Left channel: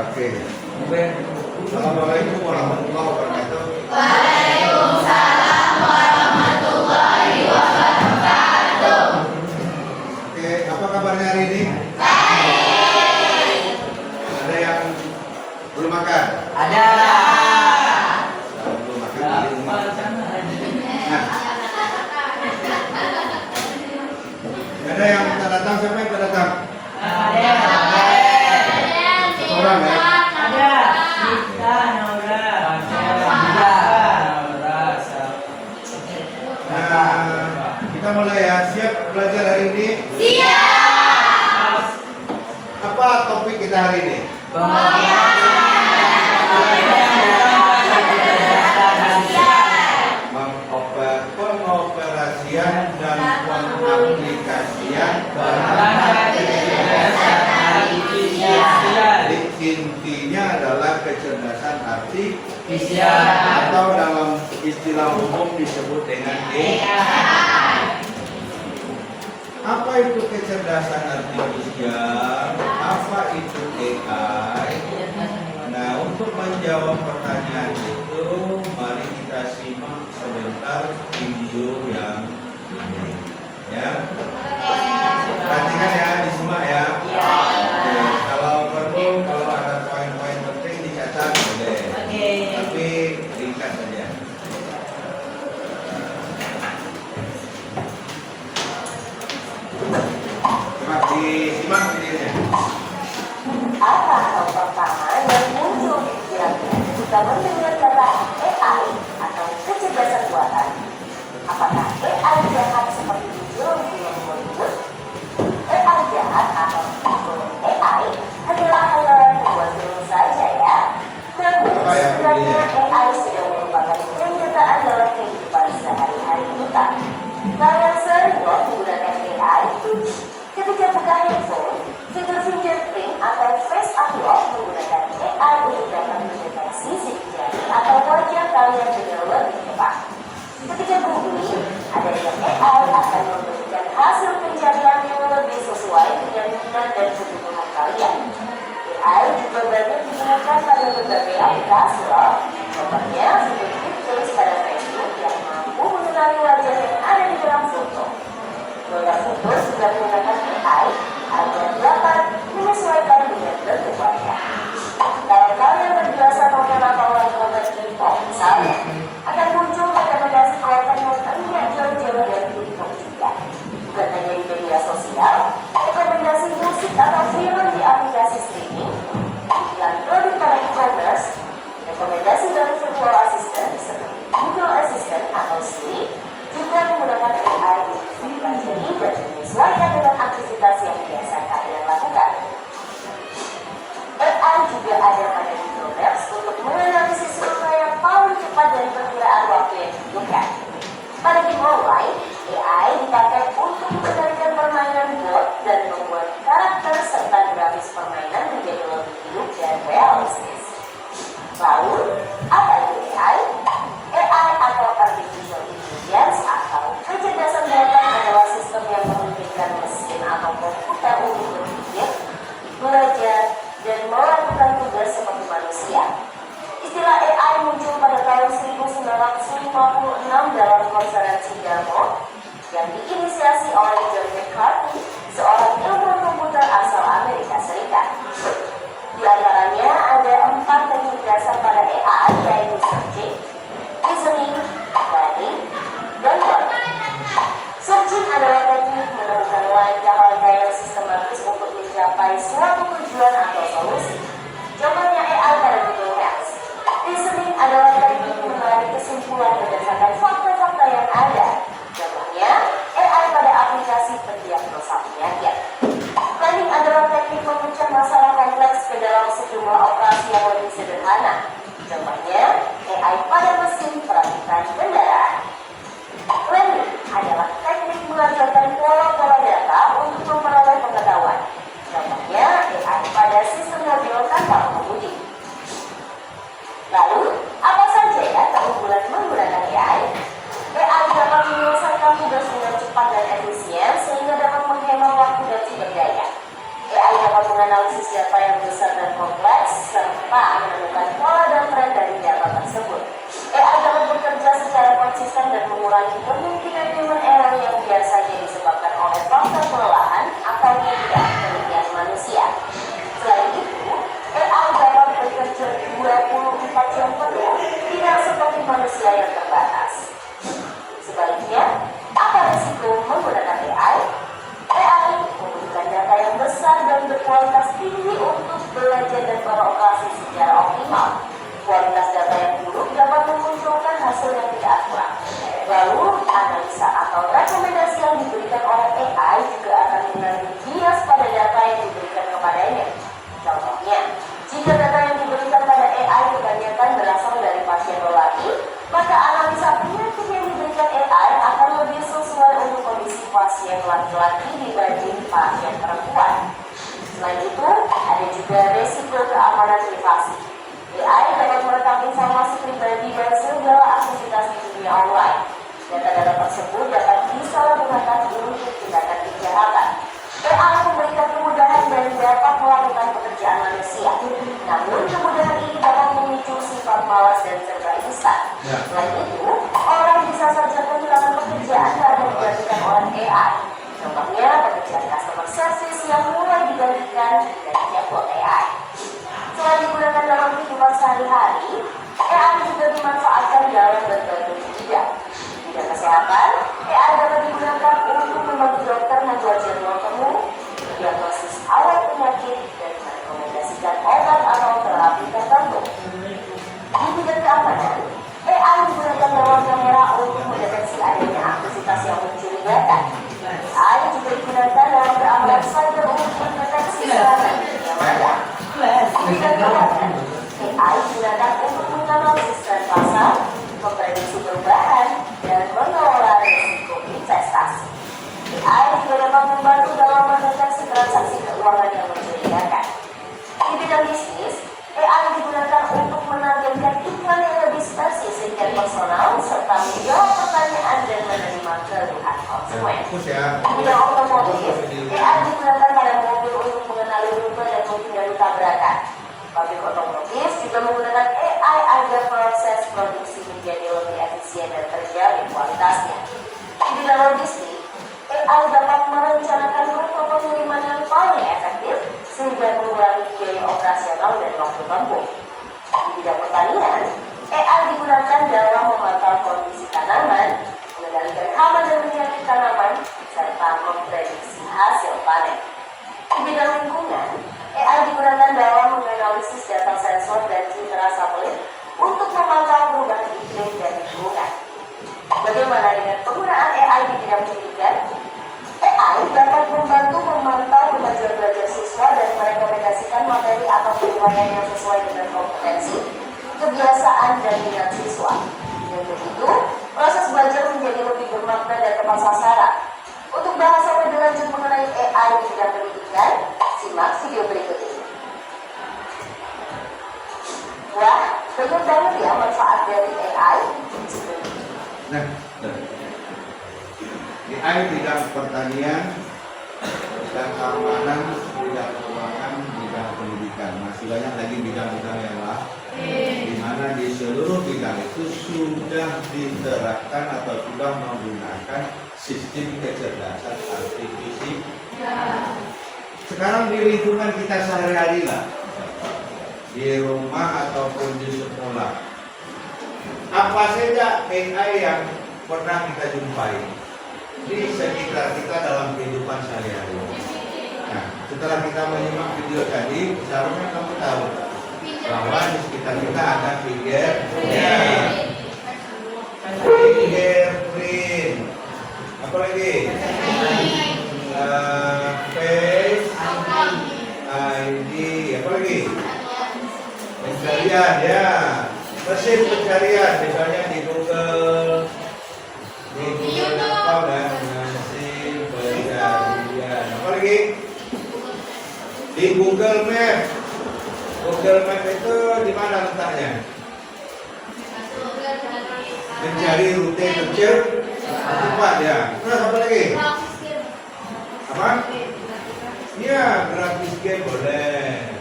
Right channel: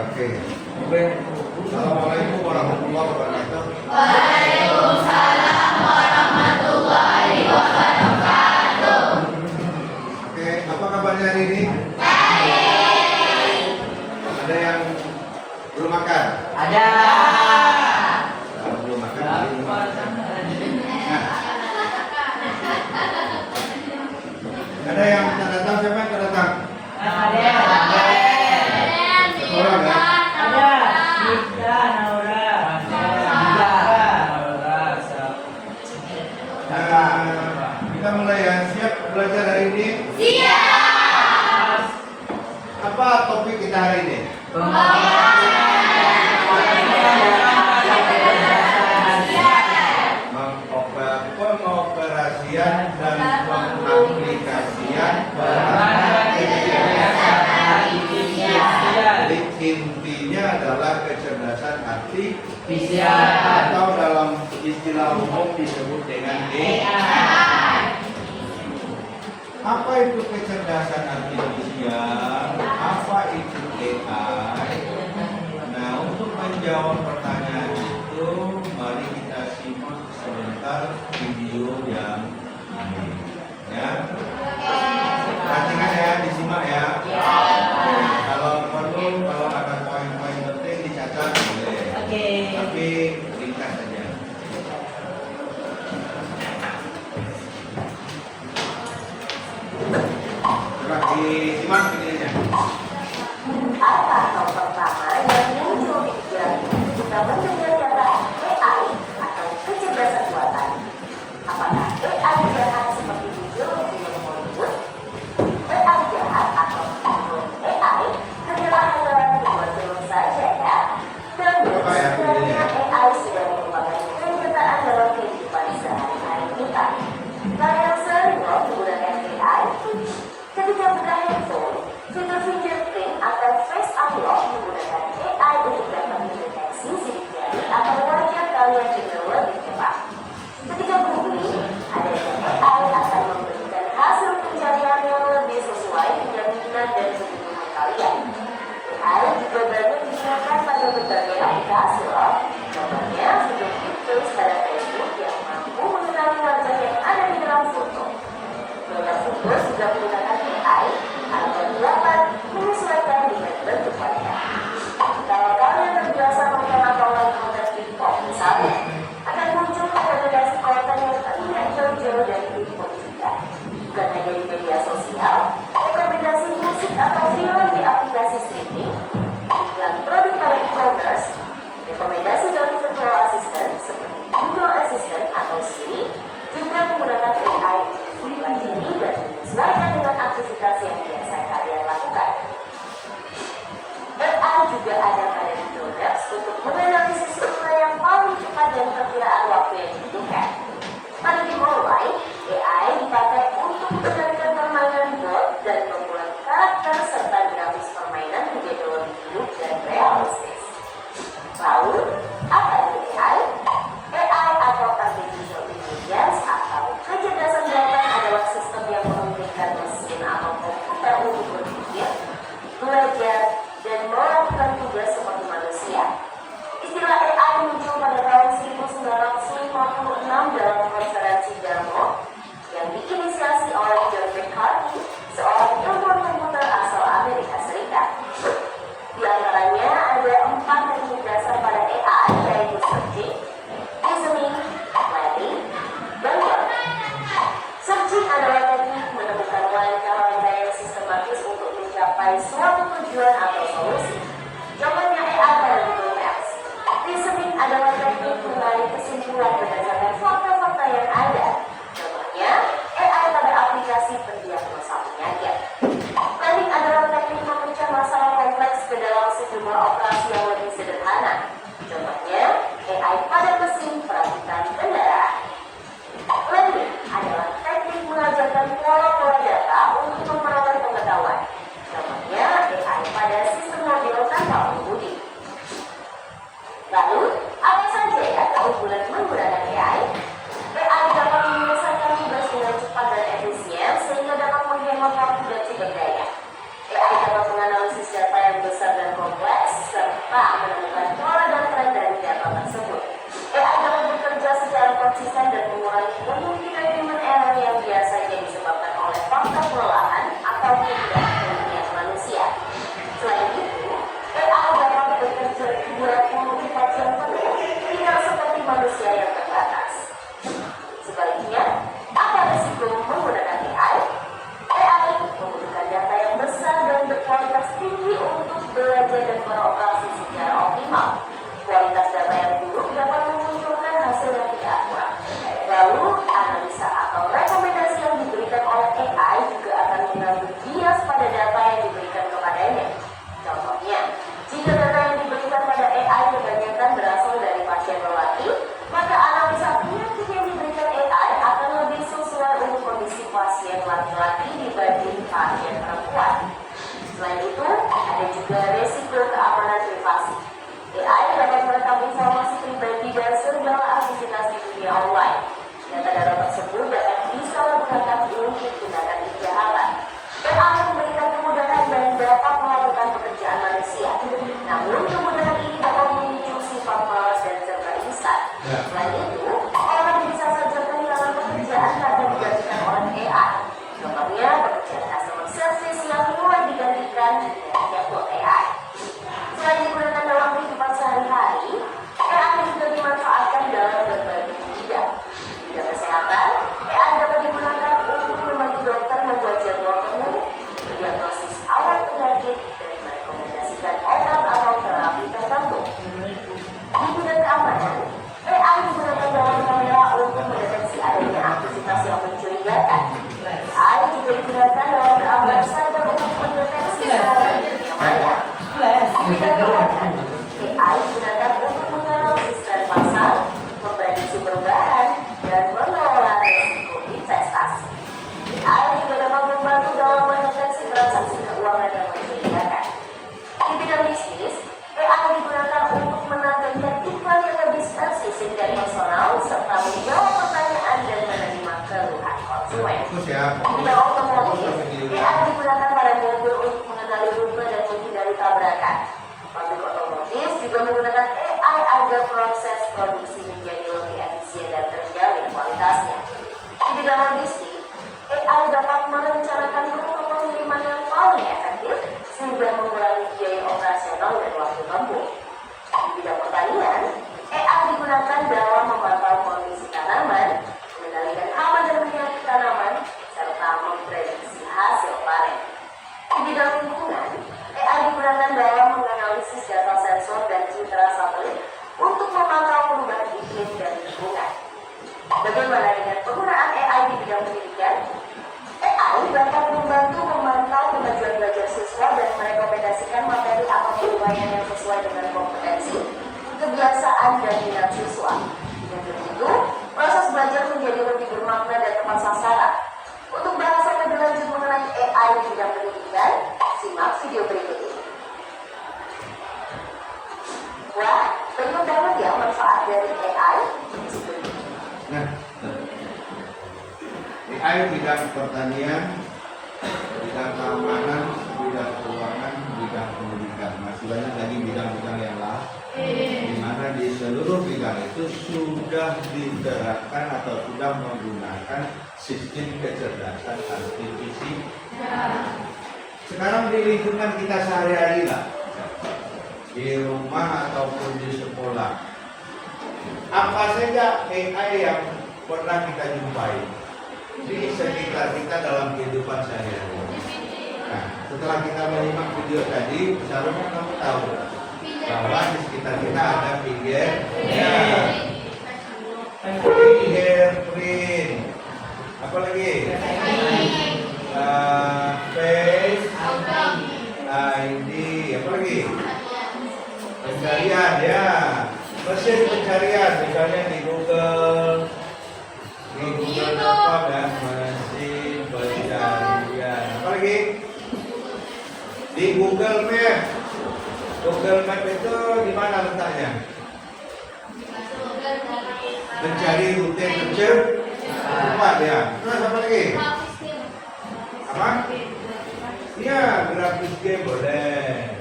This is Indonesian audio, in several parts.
Oke. Assalamualaikum warahmatullahi wabarakatuh. Waalaikumsalam warahmatullahi wabarakatuh. Oke, apa kabarnya hari ini? Baik. Ada yang belum makan? Ada. Belum makan di rumah. Ada yang tak datang, siapa yang tak datang? Ada. Satu orang ya? Ada. Kita Naura. Kita mulai ya. Siap belajar hari ini? Siap. Apa topik kita hari ini? Pengoperasian dan pengaplikasian bahan jadi intinya adalah kecerdasan artifisial atau dalam istilah umum disebut dengan AI. Apa itu kecerdasan artifisial? Apa itu AI? Nah, untuk menjawab pertanyaan itu, mari kita simak sebentar video yang ini. Ya, perhatikan ya, disimak ya. Oke, kalau perlu, kalau ada poin-poin penting dicatat boleh. Tapi ringkas saja. Coba disimak videonya. Apa hal pertama yang muncul di pikiranmu jika mendengar kata AI atau kecerdasan buatan? Apakah AI jahat seperti di film-film Hollywood? AI jahat atau evil AI adalah hanyalah sebuah film saja ya. Dan sebenarnya AI sudah merupakan kenyataan dalam kehidupan sehari-hari kita. Nah, yang sering menggunakan AI ketika buka handphone, fitur fingerprint atau face unlock menggunakan AI untuk dapat mendeteksi sidik jari atau wajah kalian dengan lebih cepat. Ketika googling, adanya AI akan memberikan hasil pencarian yang lebih sesuai dengan minat dan kebutuhan kalian. AI juga banyak digunakan pada berbagai aplikasi loh. Contohnya fitur tulis pada Facebook yang mampu mengenali wajah yang ada di dalam foto. Produk foto juga menggunakan AI agar dapat menyesuaikan dengan bentuk wajah. Kalau kalian terbiasa nonton atau like konten TikTok misalnya, akan muncul rekomendasi konten yang tidak jauh-jauh dari TikTok juga. Bukan hanya di media sosial, rekomendasi musik atau film di aplikasi streaming, iklan produk pada e-commerce, rekomendasi dari virtual assistant seperti Google Assistant atau Siri juga menggunakan AI untuk mempelajari dan menyesuaikan dengan aktivitas yang biasa kalian lakukan. AI juga ada di Google Maps untuk menganalisis rute yang paling cepat dan perkiraan waktu yang dibutuhkan. Pada game online, AI dipakai untuk mengendalikan permainan bot dan membuat karakter serta grafis permainan menjadi lebih hidup dan realistis. Lalu, apa itu AI? AI atau Artificial Intelligence atau kecerdasan buatan adalah sistem yang memungkinkan mesin atau komputer untuk berpikir, belajar, dan melakukan tugas seperti manusia. Istilah AI muncul pada tahun 1956 dalam konferensi Dartmouth yang diinisiasi oleh John McCarthy, seorang ilmuwan komputer asal Amerika Serikat. Di antaranya ada 4 teknik dasar pada AI, yaitu searching, reasoning, planning, dan learning. Searching adalah teknik menemukan langkah-langkah yang sistematis untuk mencapai suatu tujuan atau solusi. Contohnya AI pada Google Maps. Reasoning adalah teknik menarik kesimpulan berdasarkan fakta-fakta yang ada. Contohnya AI pada aplikasi pendiagnosa penyakit. Planning adalah teknik memecah masalah kompleks ke dalam sejumlah operasi yang lebih sederhana. Contohnya AI pada mesin perakitan kendaraan. Learning adalah teknik mengajarkan pola-pola data untuk memperoleh pengetahuan. Contohnya AI pada sistem mobil tanpa pengemudi. Lalu, apa saja ya keunggulan menggunakan AI? AI dapat menyelesaikan tugas dengan cepat dan efisien sehingga dapat menghemat waktu dan sumber daya. AI dapat menganalisis data yang besar dan kompleks serta menemukan pola dan tren dari data tersebut. AI dapat bekerja secara konsisten dan mengurangi kemungkinan human error yang biasanya disebabkan oleh faktor kelelahan atau ketidaktelitian manusia. Selain itu, AI dapat bekerja 24 jam penuh, tidak seperti manusia yang terbatas. Sebaliknya, apa risiko menggunakan AI? AI membutuhkan data yang besar dan berkualitas tinggi untuk belajar dan beroperasi secara optimal. Kualitas data yang buruk dapat memunculkan hasil yang tidak akurat. Lalu, analisa atau rekomendasi yang diberikan oleh AI juga akan mengandung bias pada data yang diberikan kepadanya. Contohnya, jika data yang diberikan pada AI kebanyakan berasal dari pasien lelaki, maka analisa penyakit yang diberikan AI akan lebih sesuai untuk kondisi pasien laki-laki dibanding pasien perempuan. Selain itu, ada juga resiko keamanan privasi. AI dapat merekam informasi pribadi dan segala aktivitas di dunia online. Data-data tersebut dapat disalahgunakan untuk tindakan kejahatan. AI memberikan kemudahan dan dapat melakukan pekerjaan manusia. Namun, kemudahan ini dapat memicu sifat malas dan serba instan. Selain itu, orang bisa saja kehilangan pekerjaan karena digantikan oleh AI. Contohnya, pekerjaan customer service yang mulai digantikan dengan chatbot AI. Selain digunakan dalam kehidupan sehari-hari, AI juga dimanfaatkan dalam berbagai bidang. Di bidang kesehatan, AI dapat digunakan untuk membantu dokter membuat jadwal temu, mendiagnosis awal penyakit, dan merekomendasikan obat atau terapi tertentu. Di bidang keamanan, AI digunakan dalam kamera untuk mendeteksi adanya aktivitas yang mencurigakan. AI juga digunakan dalam keamanan cyber untuk mendeteksi serangan dunia maya. Di bidang keuangan, AI digunakan untuk menganalisis tren pasar, memprediksi perubahan, dan mengelola risiko investasi. AI juga dapat membantu dalam mendeteksi transaksi keuangan yang mencurigakan. Di bidang bisnis, AI digunakan untuk menargetkan iklan yang lebih spesifik dan personal serta menjawab pertanyaan dan menerima keluhan konsumen. Di bidang otomotif, AI digunakan pada mobil untuk mengenali rute dan menghindari tabrakan. Pabrik otomotif juga menggunakan AI agar proses produksi menjadi lebih efisien dan terjamin kualitasnya. Di bidang logistik, AI dapat merencanakan rute pengiriman yang paling efektif sehingga mengurangi biaya operasional dan waktu tempuh. Di bidang pertanian, AI digunakan dalam memantau kondisi tanaman, mengendalikan hama dan penyakit tanaman, serta memprediksi hasil panen. Di bidang lingkungan, AI digunakan dalam menganalisis data sensor dan citra satelit untuk memantau perubahan iklim dan lingkungan. Bagaimana dengan penggunaan AI di bidang pendidikan? AI dapat membantu memantau kemajuan belajar siswa dan merekomendasikan materi atau penilaian yang sesuai dengan kompetensi, kebiasaan, dan minat siswa. Dengan begitu, proses belajar menjadi lebih bermakna dan tepat sasaran. Untuk bahasan lebih lanjut mengenai AI di bidang pendidikan, simak video berikut ini. Wah, banyak banget ya manfaat dari AI. Nah, AI bidang pertanian, bidang keamanan, bidang keuangan, bidang pendidikan. Masih banyak lagi bidang-bidang yang lain, di mana di seluruh bidang itu sudah diterapkan atau sudah menggunakan sistem kecerdasan artifisial. Sekarang di lingkungan kita sehari-hari lah, di rumah ataupun di sekolah, apa saja AI yang pernah kita jumpai di sekitar kita dalam kehidupan sehari-hari. Nah, setelah kita menyimak video tadi, seharusnya kamu tahu bahwa di sekitar kita ada fingerprint, apa lagi? Face ID, apa lagi? Pencarian, ya, mesin pencarian, misalnya di Google.com dan mesin pencarian. Apa lagi? Di Google Map. Google Map itu di mana letaknya? Mencari rute tercepat, ya. Terus apa lagi? Apa? Iya, grafis game boleh.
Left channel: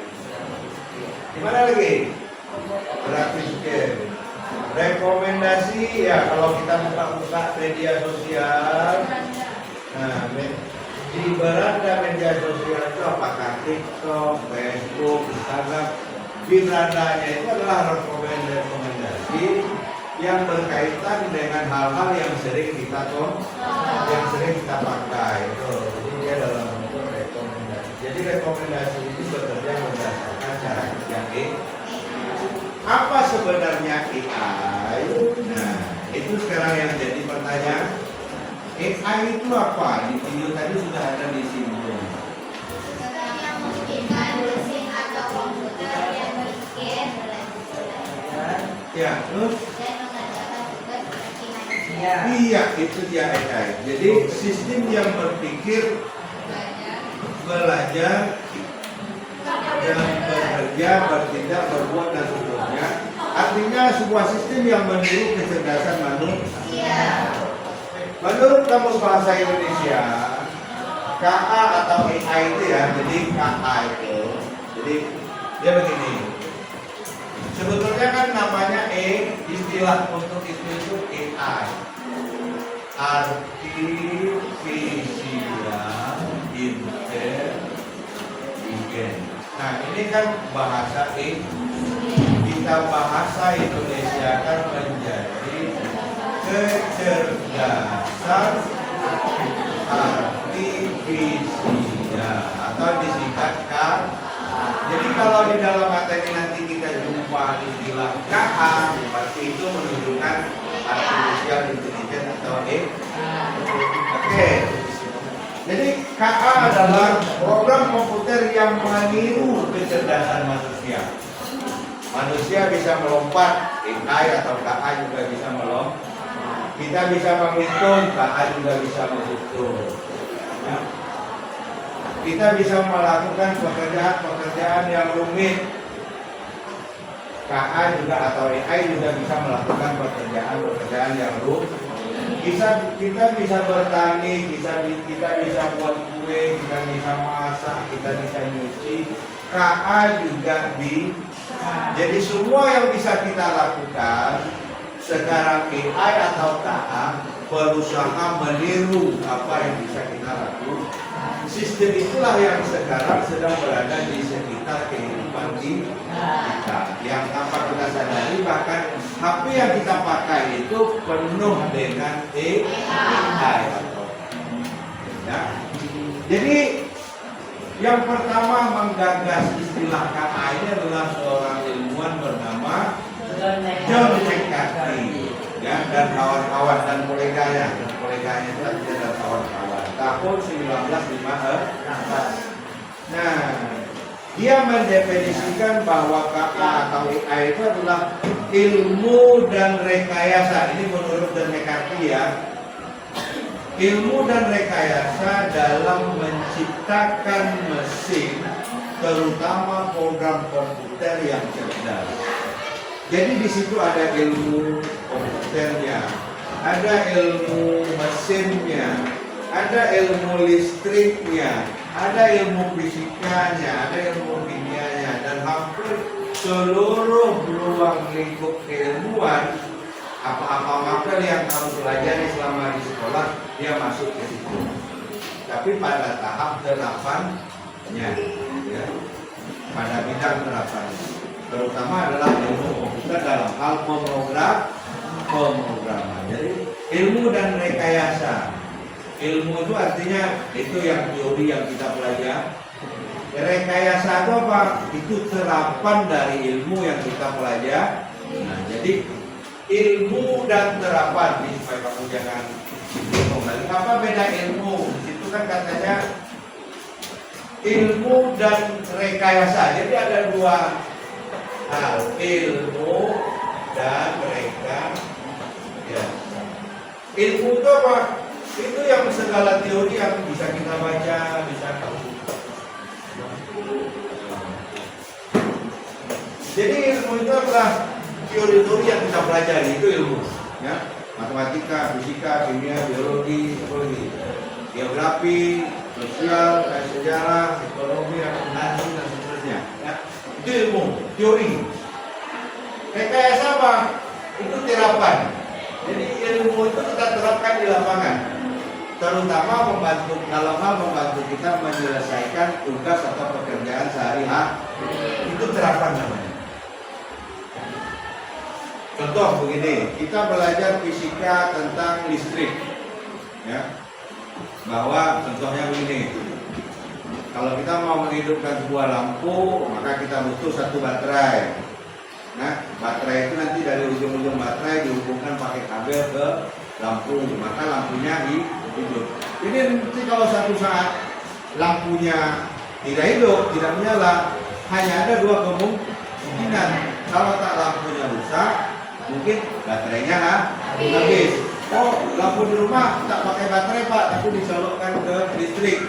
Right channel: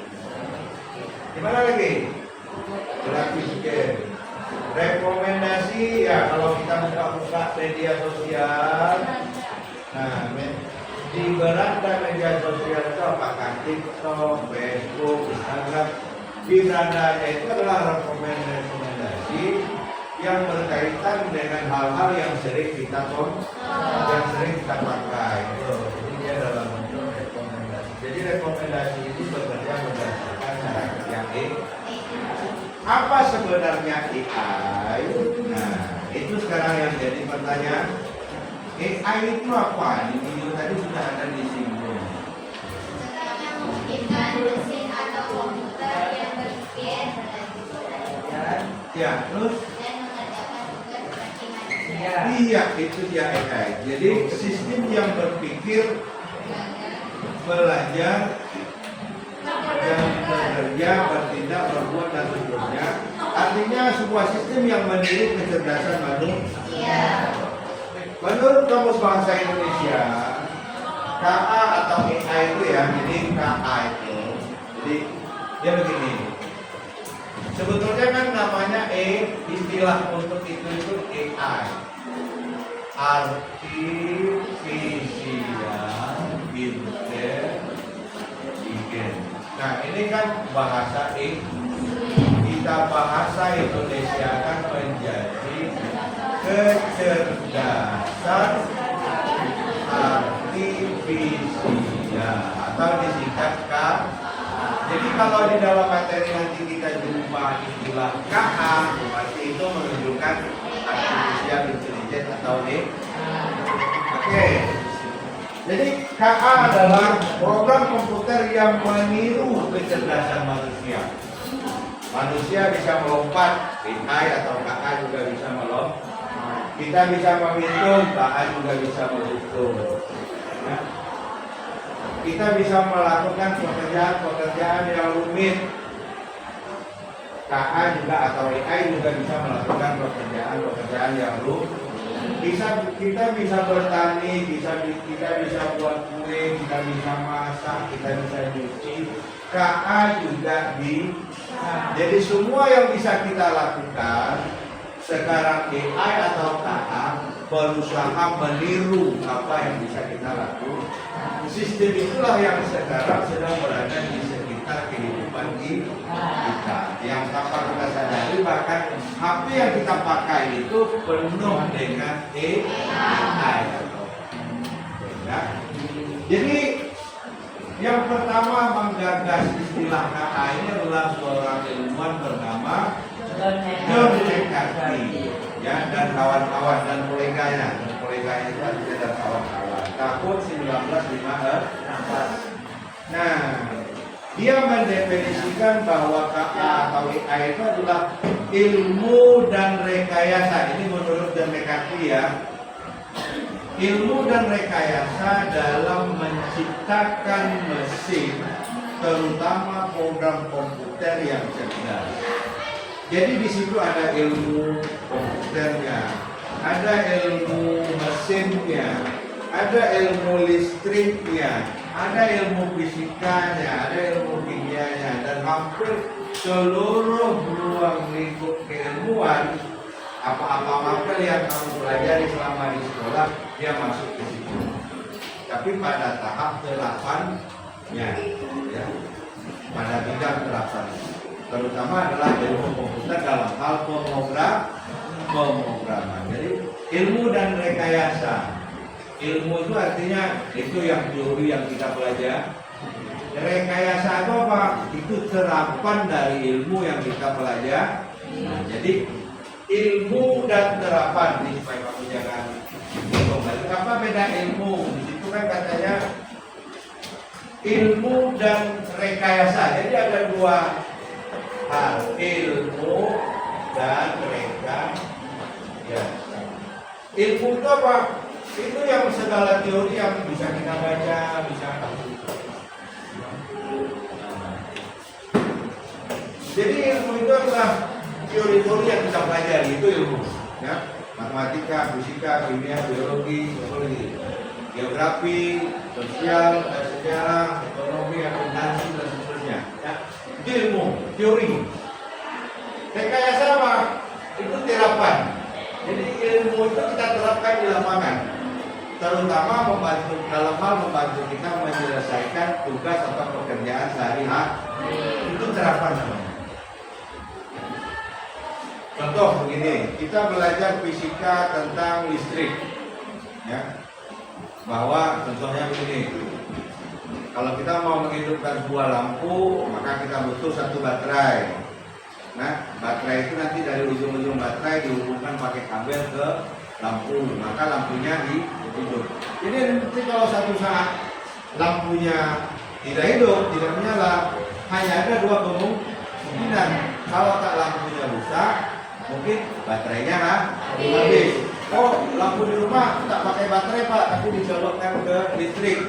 Gimana lagi? Grafis game. Rekomendasi ya kalau kita buka media sosial. Nah, di beranda media sosial itu apakah TikTok, Facebook, Instagram, di berandanya itu adalah rekomendasi yang berkaitan dengan hal-hal yang sering kita pakai. Jadi dia dalam bentuk rekomendasi. Jadi rekomendasi ini bekerja berdasarkan cara kerja Apa sebenarnya AI? Nah, itu sekarang yang jadi pertanyaan. AI itu apa? Di video tadi sudah ada disinggung. Mungkin mesin atau komputer yang berpikir Ya, terus? dan mengerjakan tugas seperti manusia. Iya, itu dia AI. Jadi sistem yang berpikir, belajar, dan bekerja, bertindak, berbuat dan seterusnya. Artinya sebuah sistem yang meniru kecerdasan manusia. Menurut Kamus Bahasa Indonesia, KA atau AI itu ya, jadi KA itu, jadi dia begini. Sebetulnya kan namanya istilah untuk itu AI, Artificial Intelligence. Nah ini kan bahasa kita bahasa Indonesia kan menjadi kecerdasan artifisial atau disingkatkan. Jadi kalau di dalam materi nanti kita jumpa istilah KA, berarti itu menunjukkan artificial intelligence atau Oke. Jadi KA adalah program komputer yang meniru kecerdasan manusia. Manusia bisa melompat, AI atau KA juga bisa melompat. Kita bisa menghitung, KA juga bisa menghitung. Ya. Kita bisa melakukan pekerjaan-pekerjaan yang rumit. KA juga atau AI juga bisa melakukan pekerjaan-pekerjaan yang rumit. Kita bisa bertani, kita bisa buat kue, kita bisa masak, kita bisa nyuci. KA juga bisa. Jadi semua yang bisa kita lakukan sekarang AI atau KA berusaha meniru apa yang bisa kita lakukan. Sistem itulah yang sekarang sedang berada di sekitar kehidupan kita. Yang tanpa kita sadari bahkan HP yang kita pakai itu penuh dengan AI atau ya. Jadi yang pertama menggagas istilah KA ini adalah seorang ilmuwan bernama John McCarthy ya, dan kawan-kawan dan koleganya itu artinya dan kawan-kawan tahun 1956. Nah, dia mendefinisikan bahwa KA atau AI itu adalah ilmu dan rekayasa. Ini menurut John McCarthy ya. Ilmu dan rekayasa dalam menciptakan mesin, terutama program komputer yang cerdas. Jadi di situ ada ilmu komputernya, ada ilmu mesinnya, ada ilmu listriknya, ada ilmu fisikanya, ada ilmu kimianya, dan hampir seluruh ruang lingkup keilmuan, apa-apa mapel yang kamu pelajari selama di sekolah, dia masuk ke situ. Tapi pada tahap terapannya, ya, pada bidang terapan, terutama adalah ilmu komputer dalam hal pemrograman. Jadi ilmu dan rekayasa. Ilmu itu artinya itu yang teori yang kita pelajari. Rekayasa itu apa? Itu terapan dari ilmu yang kita pelajari. Nah, jadi ilmu dan terapan ini supaya kamu jangan kembali. Apa beda ilmu? Di situ kan katanya ilmu dan rekayasa. Jadi ada dua hal, ilmu dan rekayasa. Ilmu itu apa? Itu yang segala teori yang bisa kita baca, bisa jadi ilmu itu adalah teori-teori yang kita pelajari, itu ilmu ya. Matematika, fisika, kimia, biologi, psikologi, geografi, sosial, sejarah, ekonomi, akuntansi dan seterusnya ya. Itu ilmu, teori. Rekayasa apa? Itu terapan. Jadi ilmu itu kita terapkan di lapangan, terutama dalam hal membantu kita menyelesaikan tugas atau pekerjaan sehari-hari. Itu terapan namanya. Contoh begini, kita belajar fisika tentang listrik, ya, bahwa contohnya begini, kalau kita mau menghidupkan sebuah lampu, maka kita butuh satu baterai. Nah, baterai itu nanti dari ujung-ujung baterai dihubungkan pakai kabel ke lampu, maka lampunya hidup. Jadi nanti kalau satu saat lampunya tidak hidup, tidak menyala, hanya ada dua kemungkinan. Kalau tak lampunya rusak, mungkin baterainya habis. Oh, lampu di rumah tak pakai baterai Pak, tapi dicolokkan ke listrik.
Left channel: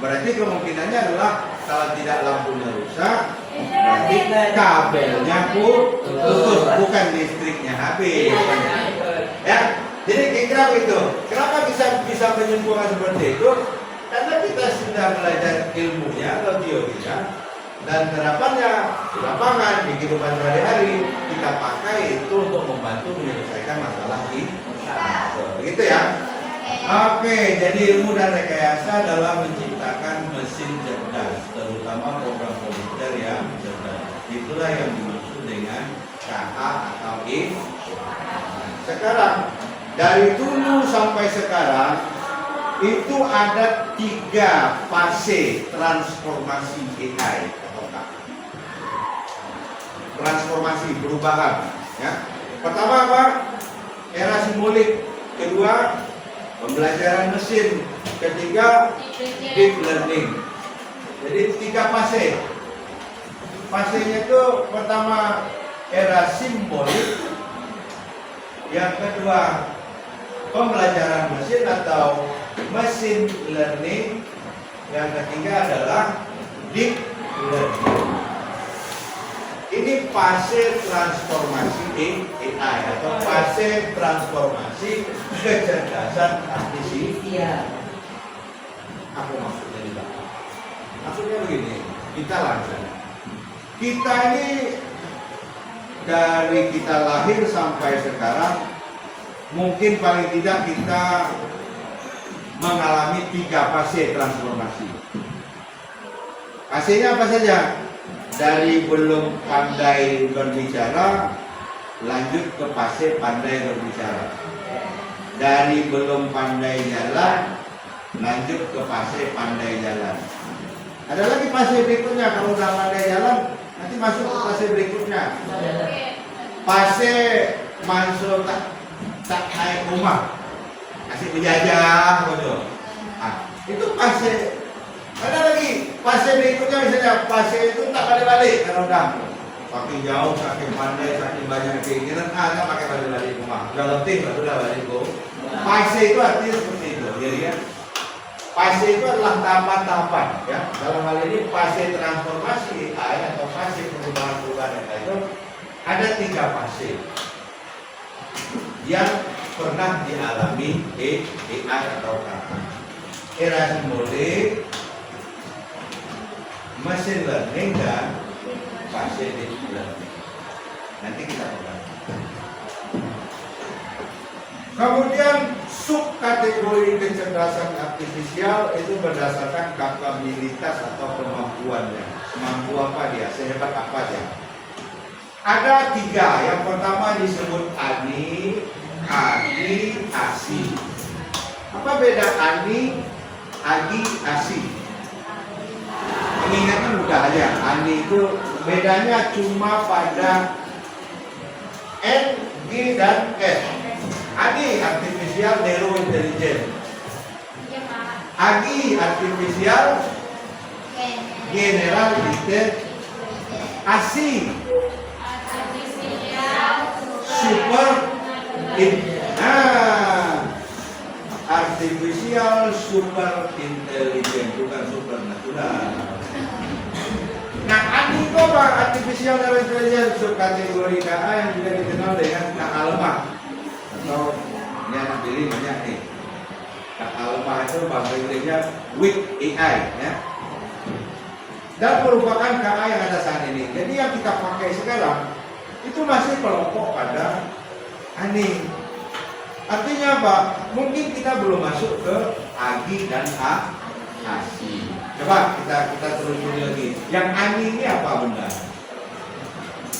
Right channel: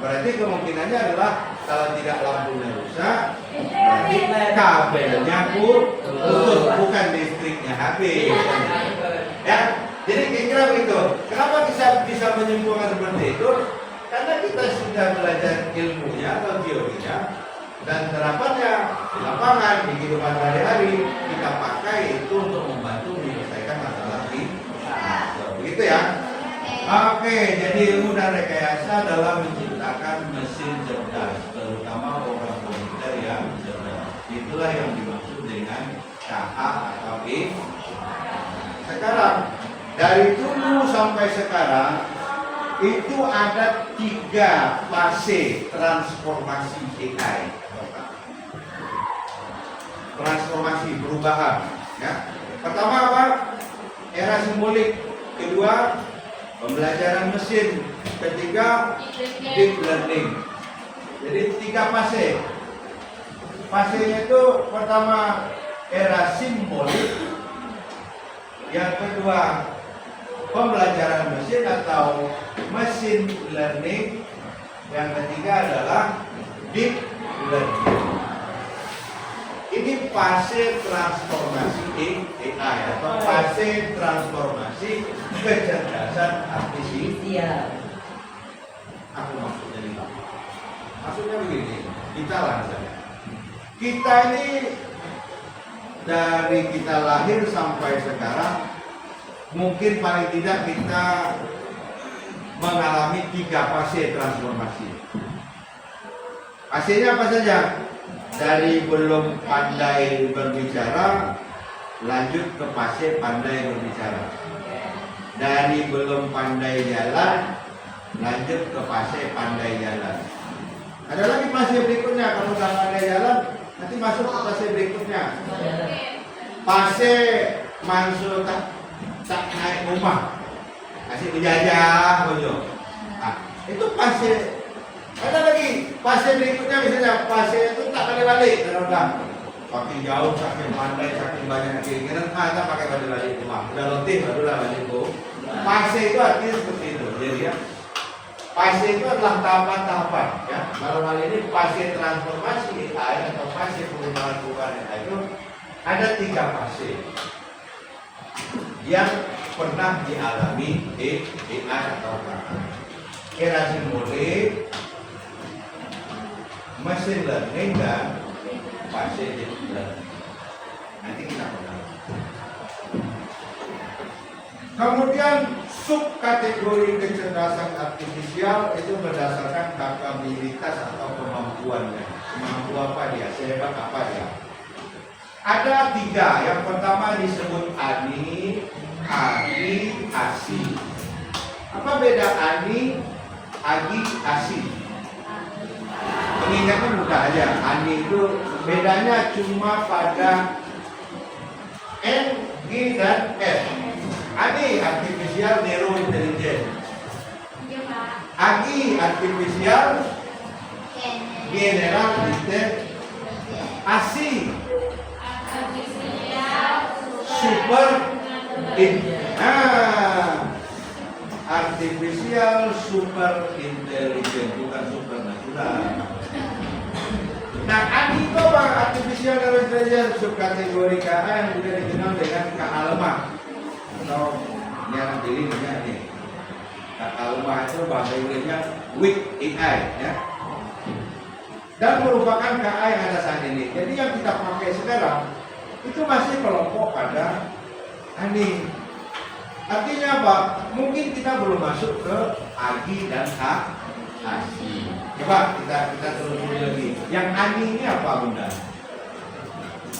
Berarti kemungkinannya adalah kalau tidak lampunya rusak, berarti kabelnya putus, bukan listriknya habis. Ya, jadi kira-kira begitu. Kenapa bisa menyimpulkan seperti itu? Karena kita sudah belajar ilmunya atau teorinya dan terapannya di lapangan, di kehidupan sehari-hari kita pakai itu untuk membantu menyelesaikan masalah kita. Begitu ya. Oke, jadi ilmu dan rekayasa dalam menciptakan mesin cerdas, terutama program komputer yang cerdas. Itulah yang dimaksud dengan KA atau I. Sekarang, dari dulu sampai sekarang itu ada 3 fase transformasi AI atau KA. Transformasi perubahan. Ya. Pertama apa? Era simbolik. Kedua, pembelajaran mesin. Ketiga, deep learning. Jadi 3 fase. Fasenya itu pertama era simbolik, yang kedua pembelajaran mesin atau machine learning, yang ketiga adalah deep learning. Ini fase transformasi AI atau fase transformasi kecerdasan artifisial. Aku maksudnya di belakang. Maksudnya begini, kita langsung. Kita ini dari kita lahir sampai sekarang mungkin paling tidak kita mengalami 3 fase transformasi. Fasenya apa saja? Dari belum pandai berbicara lanjut ke fase pandai berbicara. Dari belum pandai jalan lanjut ke fase pandai jalan. Ada lagi fase berikutnya, kalau sudah pandai jalan nanti masuk ke fase berikutnya. Fase masuk tak naik rumah, kasih penjajah betul. Nah, itu fase. Ada lagi fase berikutnya, misalnya fase itu tak balik-balik karena udah saking jauh, saking pandai, saking banyak keinginan, tak pakai balik-balik rumah. Udah letih barulah balik go. Fase itu artinya seperti itu. Jadi ya, fase itu adalah tahapan-tahapan. Ya, dalam hal ini fase transformasi AI atau fase perubahan-perubahan AI itu ada 3 fase yang pernah dialami AI atau era simbolik, machine learning, dan fase deep learning. Nanti kita pegang. Kemudian subkategori kecerdasan artifisial itu berdasarkan kapabilitas atau kemampuannya. Mampu apa dia? Sehebat apa dia? Ada 3. Yang pertama disebut ANI, AGI, ASI. Apa beda ANI, AGI, ASI? Mengingatkan mudah aja. ANI itu bedanya cuma pada N, G, dan S. ANI artificial narrow intelligence. AGI artificial general intelligence. ASI super artificial super intelligence, bukan supernatural. Nah, ANI itu apa? Artificial intelligence subkategori KA yang juga dikenal dengan KA lemah. Atau ini anak pilih banyak nih. KA lemah itu bahasa Inggrisnya weak AI, ya. dan merupakan KA yang ada saat ini. Jadi yang kita pakai sekarang itu masih kelompok pada ANI. Artinya apa? Mungkin kita belum masuk ke AGI dan ASI. Coba kita telusuri lagi. Yang ANI ini apa benda?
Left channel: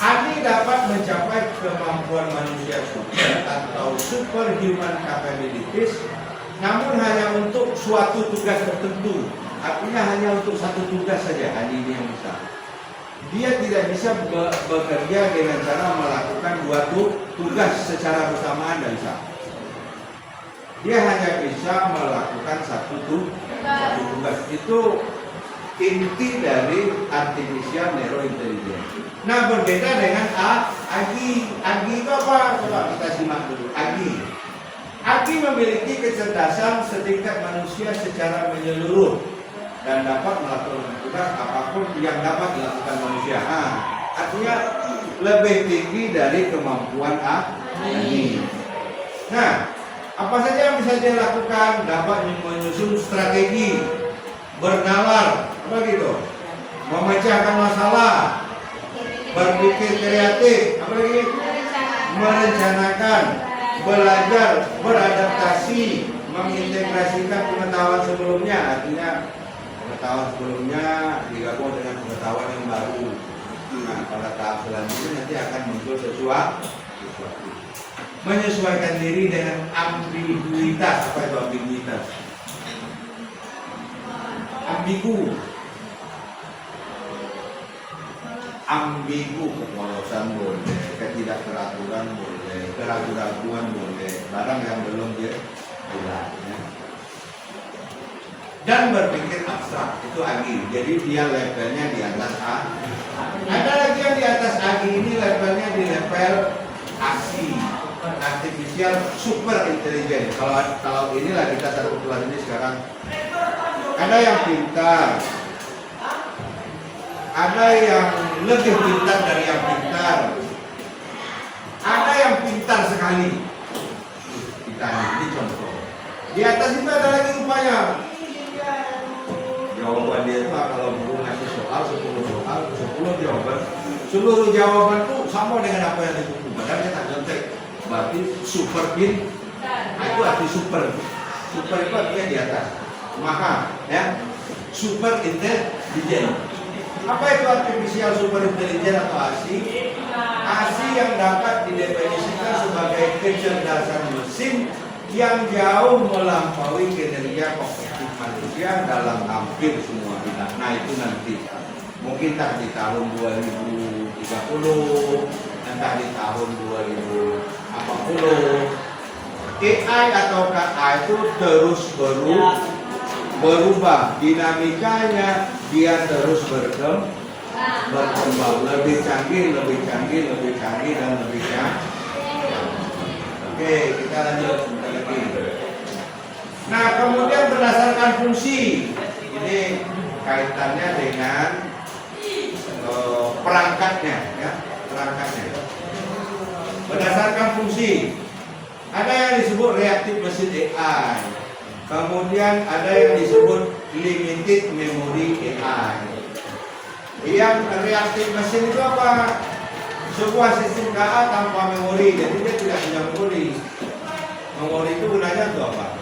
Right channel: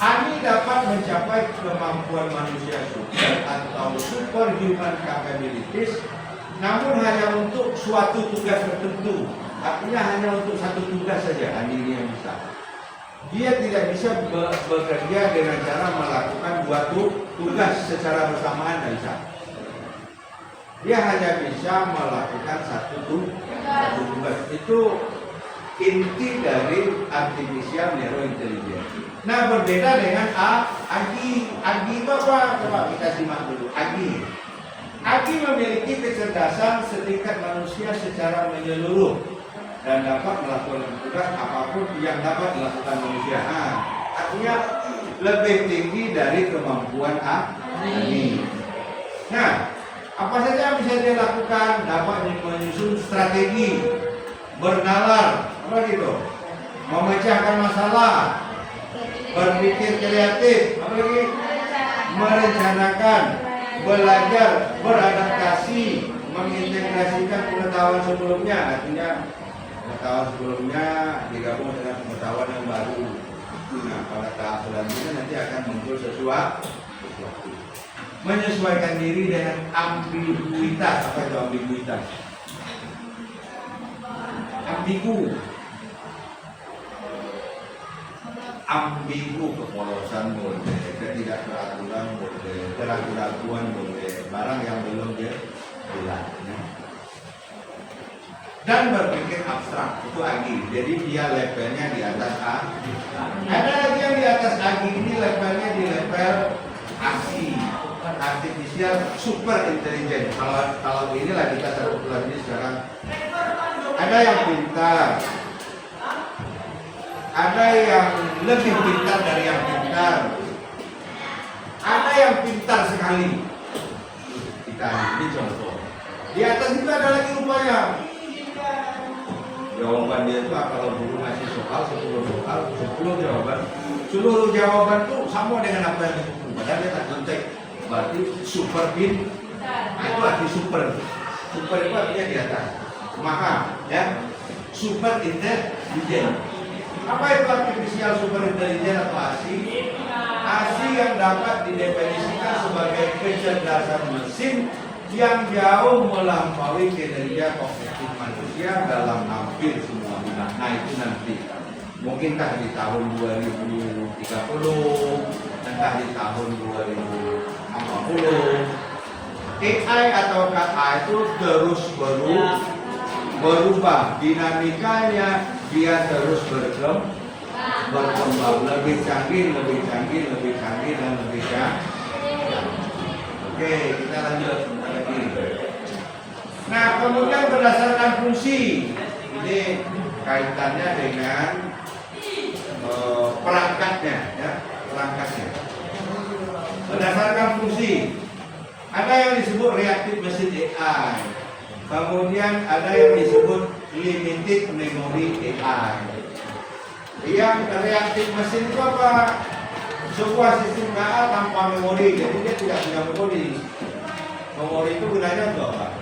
ANI dapat mencapai kemampuan manusia super atau superhuman capabilities, namun hanya untuk suatu tugas tertentu. Artinya hanya untuk satu tugas saja ANI ini yang bisa. Dia tidak bisa bekerja dengan cara melakukan dua tugas secara bersamaan, tidak bisa. Dia hanya bisa melakukan satu tugas. Itu inti dari artificial neurointelligence. Nah, berbeda dengan AGI. AGI itu apa? Coba kita simak dulu. AGI. AGI memiliki kecerdasan setingkat manusia secara menyeluruh dan dapat melakukan tugas apapun yang dapat dilakukan manusia. Artinya lebih tinggi dari kemampuan AGI. Nah, apa saja yang bisa dia lakukan? Dapat menyusun strategi, bernalar, apa gitu, memecahkan masalah, berpikir kreatif, apa lagi, merencanakan, belajar, beradaptasi, mengintegrasikan pengetahuan sebelumnya. Artinya pengetahuan sebelumnya digabung dengan pengetahuan yang baru. Nah, pada tahap selanjutnya nanti akan muncul sesuatu. Menyesuaikan diri dengan ambiguitas. Apa itu ambiguitas? Ambigu, kepolosan boleh, ketidakteraturan boleh, keraguan-raguan boleh, barang yang belum jelas. Dan berpikir abstrak, itu AGI. Jadi dia levelnya di atas A. Ada lagi yang di atas AGI ini levelnya di level ASI, artificial super intelligence. Kalau inilah kita satu kelas ini sekarang. Ada yang pintar, ada yang lebih pintar dari yang pintar, ada yang pintar sekali. Kita ini contoh. Di atas itu ada lagi rupanya. Jawaban dia itu kalau guru ngasih soal 10 jawaban, seluruh jawaban itu sama dengan apa yang di buku. Padahal dia tak contek. Berarti super pintar. Nah, itu arti super. Super itu artinya di atas. Maka ya super intelligent. Apa itu artificial super intelligent atau ASI? ASI yang dapat didefinisikan sebagai kecerdasan mesin yang jauh melampaui kinerja kognitif manusia dalam hampir semua bidang. Nah, itu nanti mungkin entah di tahun 2030, entah di tahun 2040. AI atau KA itu terus berubah, dinamikanya dia terus berkembang, lebih canggih, dan lebih canggih. Oke, kita lanjut sebentar lagi. Nah, kemudian berdasarkan fungsi, ini kaitannya dengan perangkatnya, ya, perangkatnya. Berdasarkan fungsi, ada yang disebut reactive machine AI. Kemudian ada yang disebut limited memory AI. Yang reactive machine itu apa? Sebuah sistem KA tanpa memori, jadi dia tidak punya memori. Memori itu gunanya untuk apa?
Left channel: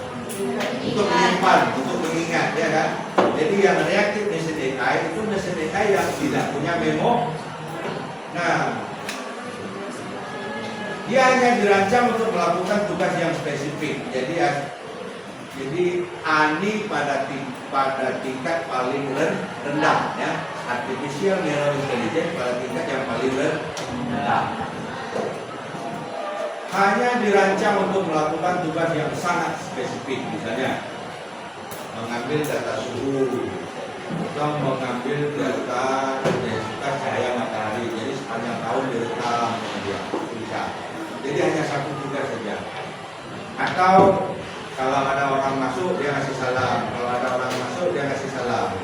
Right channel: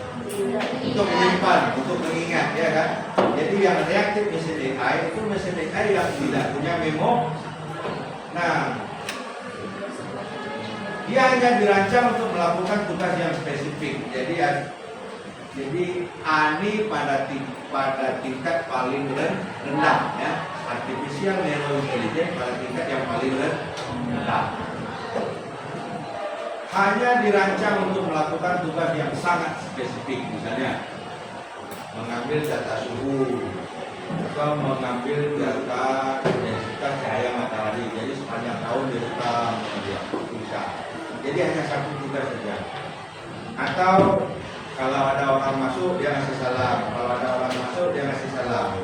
Untuk menyimpan, untuk mengingat, ya kan? Jadi yang reactive machine AI itu mesin AI yang tidak punya memo. Nah, dia hanya dirancang untuk melakukan tugas yang spesifik. Jadi ANI pada tingkat paling rendah, ya. Artificial neurointelligence pada tingkat yang paling rendah. Hanya dirancang untuk melakukan tugas yang sangat spesifik, misalnya mengambil data suhu atau mengambil data intensitas cahaya matahari. Jadi sepanjang tahun direkam dia bisa. Jadi hanya satu tugas saja. Atau kalau ada orang masuk dia ngasih salam, kalau ada orang masuk dia ngasih salam.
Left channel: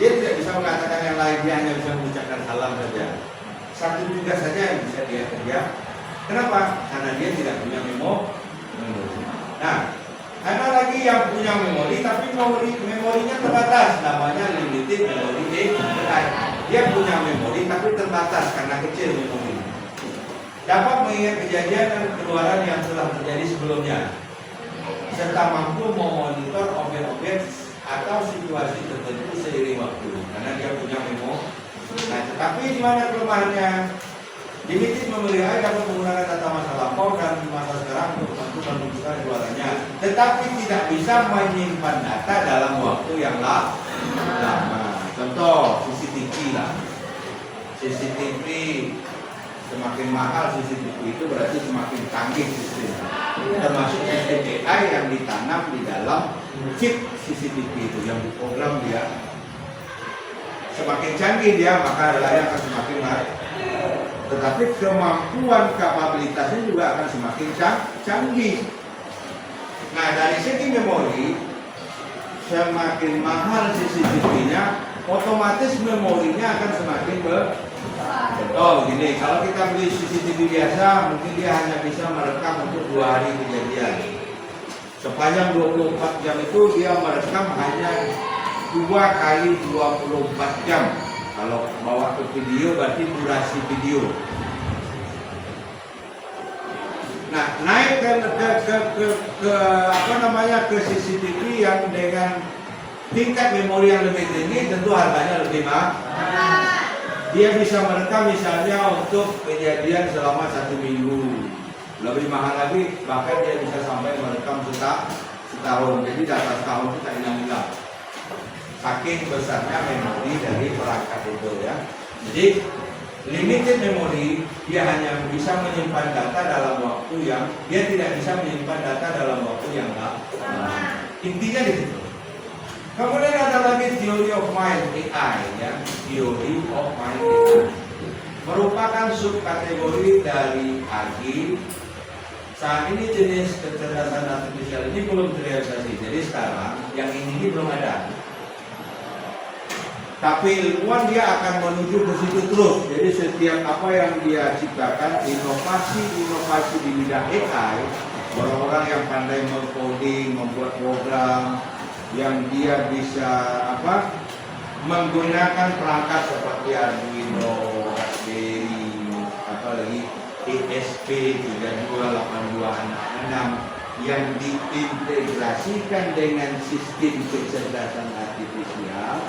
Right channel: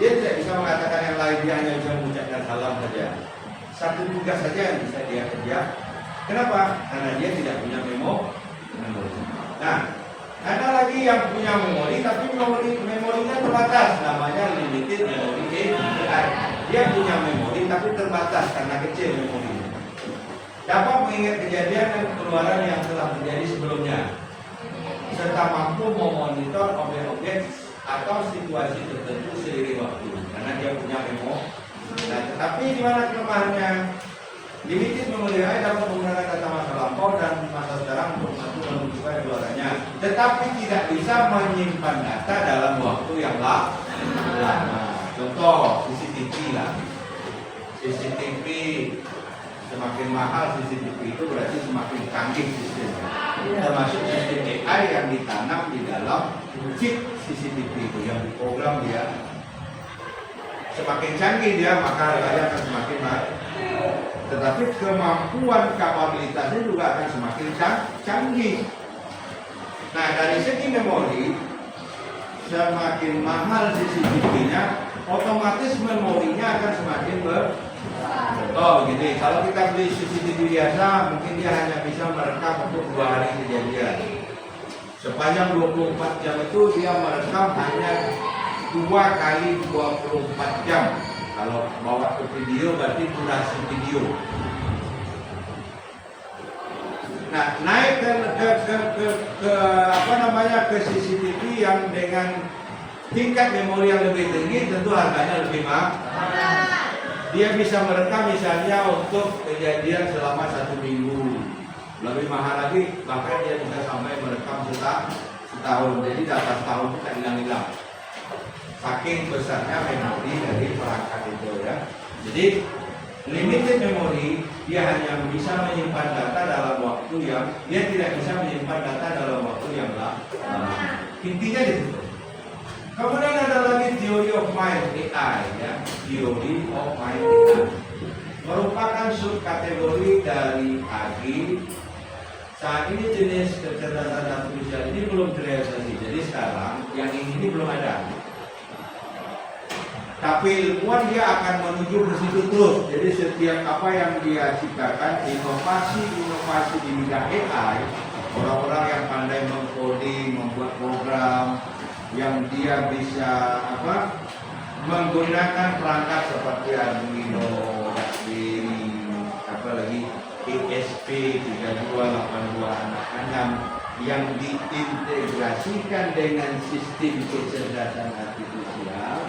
Dia tidak bisa mengatakan yang lain, dia hanya bisa mengucapkan salam saja. Satu tugas saja yang bisa dia kerja. Kenapa? Karena dia tidak punya memori. Nah, Ada lagi yang punya memori tapi memorinya terbatas, namanya limited memory AI. Dia punya memori tapi terbatas karena kecil memorinya. Dapat mengingat kejadian dan pengeluaran yang telah terjadi sebelumnya, serta mampu memonitor objek-objek atau situasi tertentu seiring waktu karena dia punya memori. Nah, tetapi di mana kelemahannya? Limited memory AI dapat menggunakan data masa lampau dan masa sekarang untuk menentukan keluarannya, tetapi tidak bisa menyimpan data dalam waktu yang lama. Contoh CCTV lah. CCTV semakin mahal CCTV itu berarti semakin canggih sistemnya. Termasuk sistem AI yang ditanam di dalam chip CCTV itu yang diprogram dia. Semakin canggih dia maka layar akan semakin naik. Tetapi kemampuan kapabilitasnya juga akan semakin canggih. Nah, dari segi memori, semakin mahal CCTV-nya, otomatis memorinya akan semakin Oh gini, kalau kita beli CCTV biasa, mungkin dia hanya bisa merekam untuk 2 hari kejadian. Sepanjang 24 jam itu dia merekam hanya 2 kali 24 jam. Kalau bawa ke video berarti durasi video. Nah, naik ke CCTV yang dengan tingkat memori yang lebih tinggi tentu harganya lebih mahal. Dia bisa merekam misalnya untuk kejadian selama 1 minggu. Lebih mahal lagi, bahkan dia bisa sampai merekam setahun. Jadi data setahun itu tak hilang-hilang. Saking besarnya memori dari perangkat itu ya. Jadi limited memory, dia hanya bisa menyimpan data dalam waktu yang dia tidak bisa menyimpan data dalam waktu yang lama. Intinya di situ. Kemudian ada lagi theory of mind AI ya, theory of mind AI merupakan subkategori dari AG. Saat ini jenis kecerdasan artifisial ini belum terrealisasi. Jadi sekarang yang ini belum ada. Tapi ilmuwan dia akan menuju ke situ terus. Jadi setiap apa yang dia ciptakan, inovasi di bidang AI, orang-orang yang pandai mengcoding, membuat program, yang dia bisa menggunakan perangkat seperti Arduino, Raspberry, apalagi ESP328266 yang diintegrasikan dengan sistem kecerdasan artifisial.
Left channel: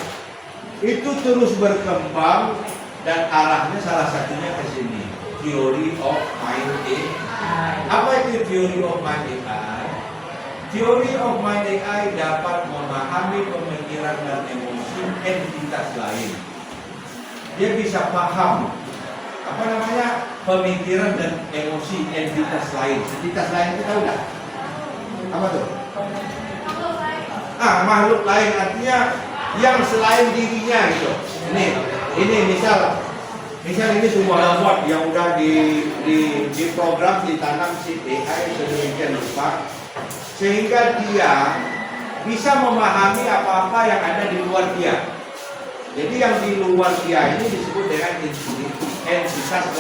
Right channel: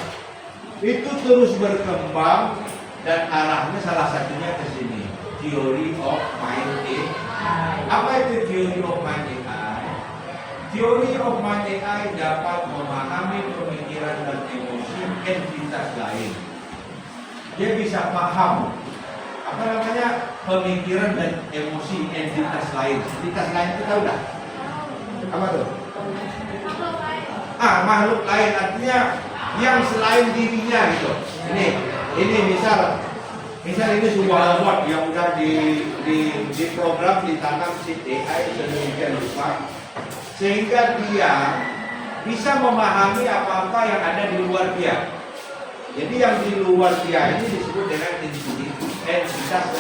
Itu terus berkembang dan arahnya salah satunya ke sini, theory of mind AI. Apa itu theory of mind AI? Theory of mind AI dapat memahami pemikiran dan emosi entitas lain. Dia bisa paham pemikiran dan emosi entitas lain. Entitas lain itu tahu dah? Apa tuh? Makhluk lain artinya yang selain dirinya gitu. Ini misal ini sebuah robot yang udah di program ditanam si AI sedemikian rupa sehingga dia bisa memahami apa-apa yang ada di luar dia. Jadi yang di luar dia ini disebut dengan entitas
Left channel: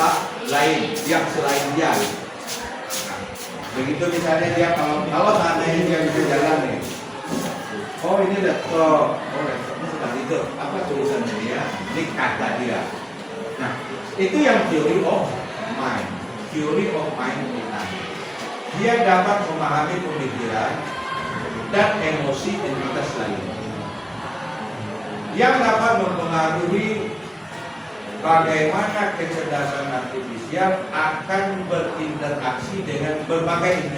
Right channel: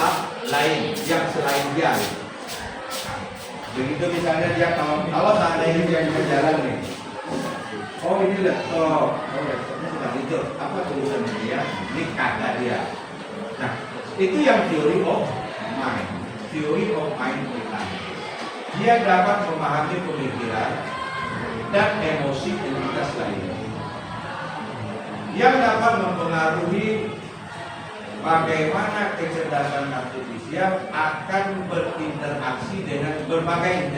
lain yang selain dia. Begitu misalnya dia kalau seandainya dia bisa jalan nih. Oh ini laptop, laptopnya sedang tidur. Apa tulisannya dia? Ini kata dia. Nah, itu yang theory of mind. Theory of mind AI. Dia dapat memahami pemikiran dan emosi entitas lain yang dapat mempengaruhi bagaimana kecerdasan artifisial akan berinteraksi dengan berbagai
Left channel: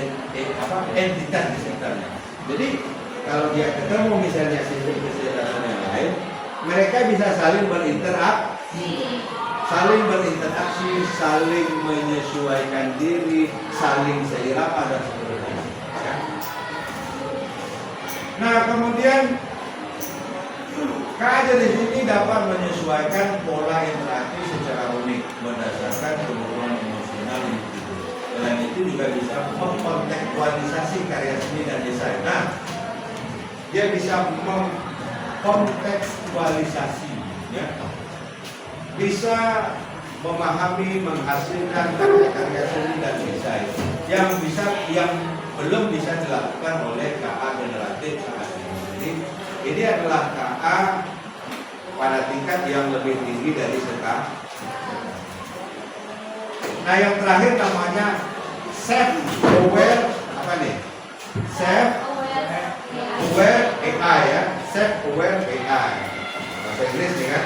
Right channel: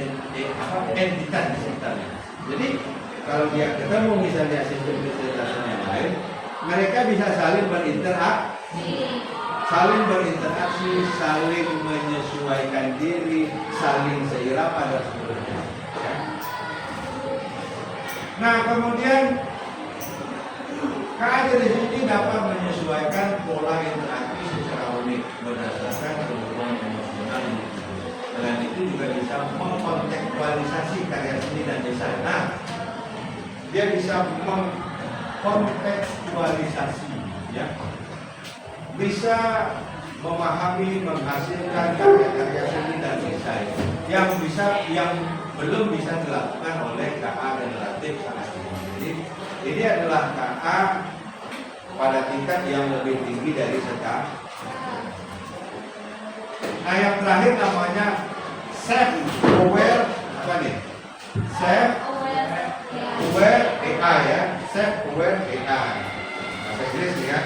entitas di sekitarnya. Jadi kalau dia ketemu misalnya sistem kecerdasan yang lain, mereka bisa saling berinteraksi, saling menyesuaikan diri, saling seirama dan seterusnya. Nah, kemudian kajian di sini dapat menyesuaikan pola interaksi secara unik berdasarkan kebutuhan emosional individu. Selain itu juga bisa mengkontekstualisasi karya seni dan desain. Nah, dia bisa mengkontekstualisasi, ya, bisa memahami, menghasilkan karya-karya seni dan desain yang belum bisa dilakukan oleh KA generatif saat ini. Jadi ini adalah KA pada tingkat yang lebih tinggi dari sekarang. Nah yang terakhir namanya self aware apa nih? Self aware AI ya, self aware AI. Bahasa Inggris nih kan?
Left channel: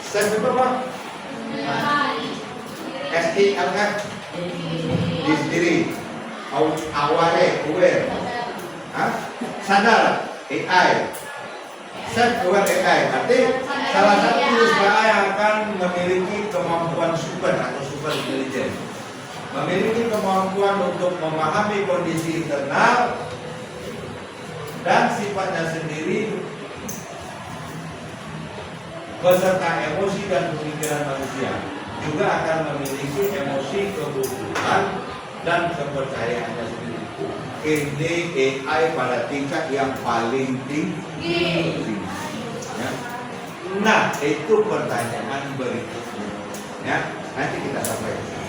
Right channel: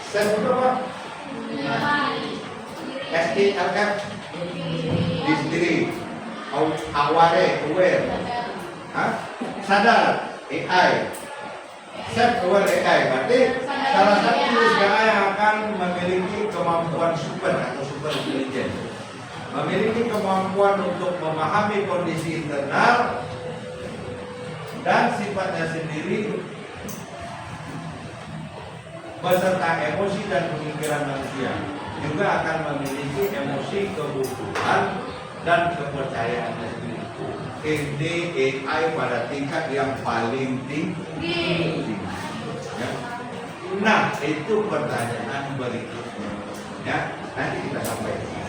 Self itu apa? SELF di sendiri. Aware, sadar AI. Self aware AI berarti salah satu jenis AI yang akan memiliki kemampuan super atau super intelligence, memiliki kemampuan untuk memahami kondisi internal dan sifatnya sendiri beserta emosi dan pemikiran manusia. Juga akan memiliki emosi, kebutuhan dan kepercayaannya sendiri. Ini AI pada tingkat yang paling tinggi. Ya. Nah, itu pertanyaan berikutnya. Ya, nanti kita sampaikan.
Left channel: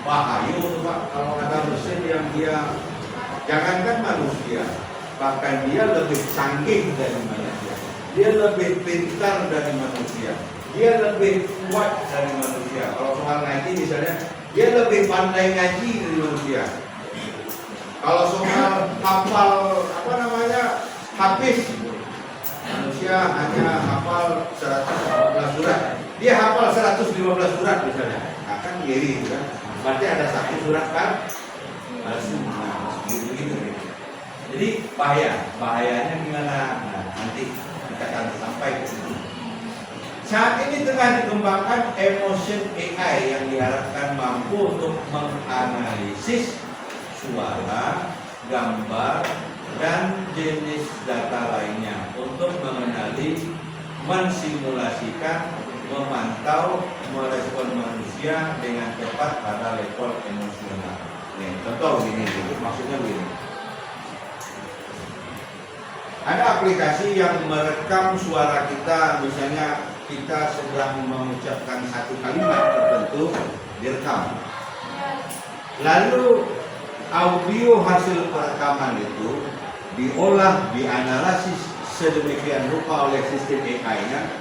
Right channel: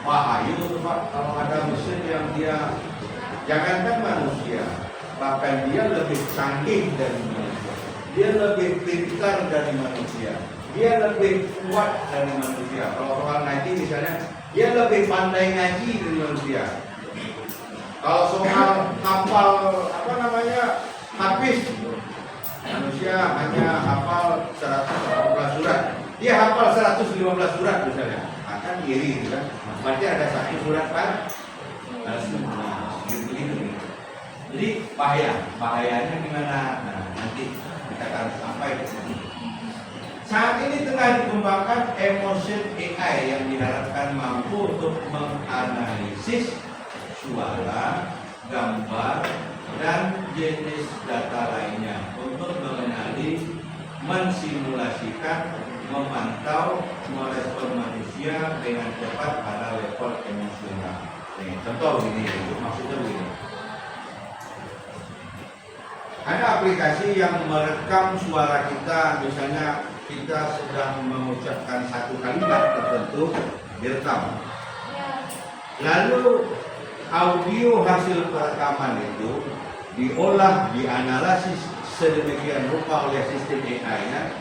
Wahyu, Pak, kalau ada mesin yang dia jangankan manusia, bahkan dia lebih canggih dari manusia, dia lebih pintar dari manusia, dia lebih kuat dari manusia. Kalau soal ngaji misalnya, dia lebih pandai ngaji dari manusia. Kalau soal hafal hadis, manusia hanya hafal 115 surat, dia hafal 115 surat misalnya, akan iri kan? Berarti ada satu surat kan? Begitu. Jadi bahayanya gimana? Nah, nanti kita akan sampai ke sini. Saat ini tengah dikembangkan emotion AI yang diharapkan mampu untuk menganalisis suara, gambar, dan jenis data lainnya untuk mengenali, mensimulasikan, memantau, merespon manusia dengan cepat pada level emosional. Nih, contoh begini, maksudnya begini. Ada aplikasi yang merekam suara kita, misalnya kita sedang mengucapkan satu kalimat tertentu, direkam. Lalu audio hasil perekaman itu diolah, dianalisis sedemikian rupa oleh sistem AI-nya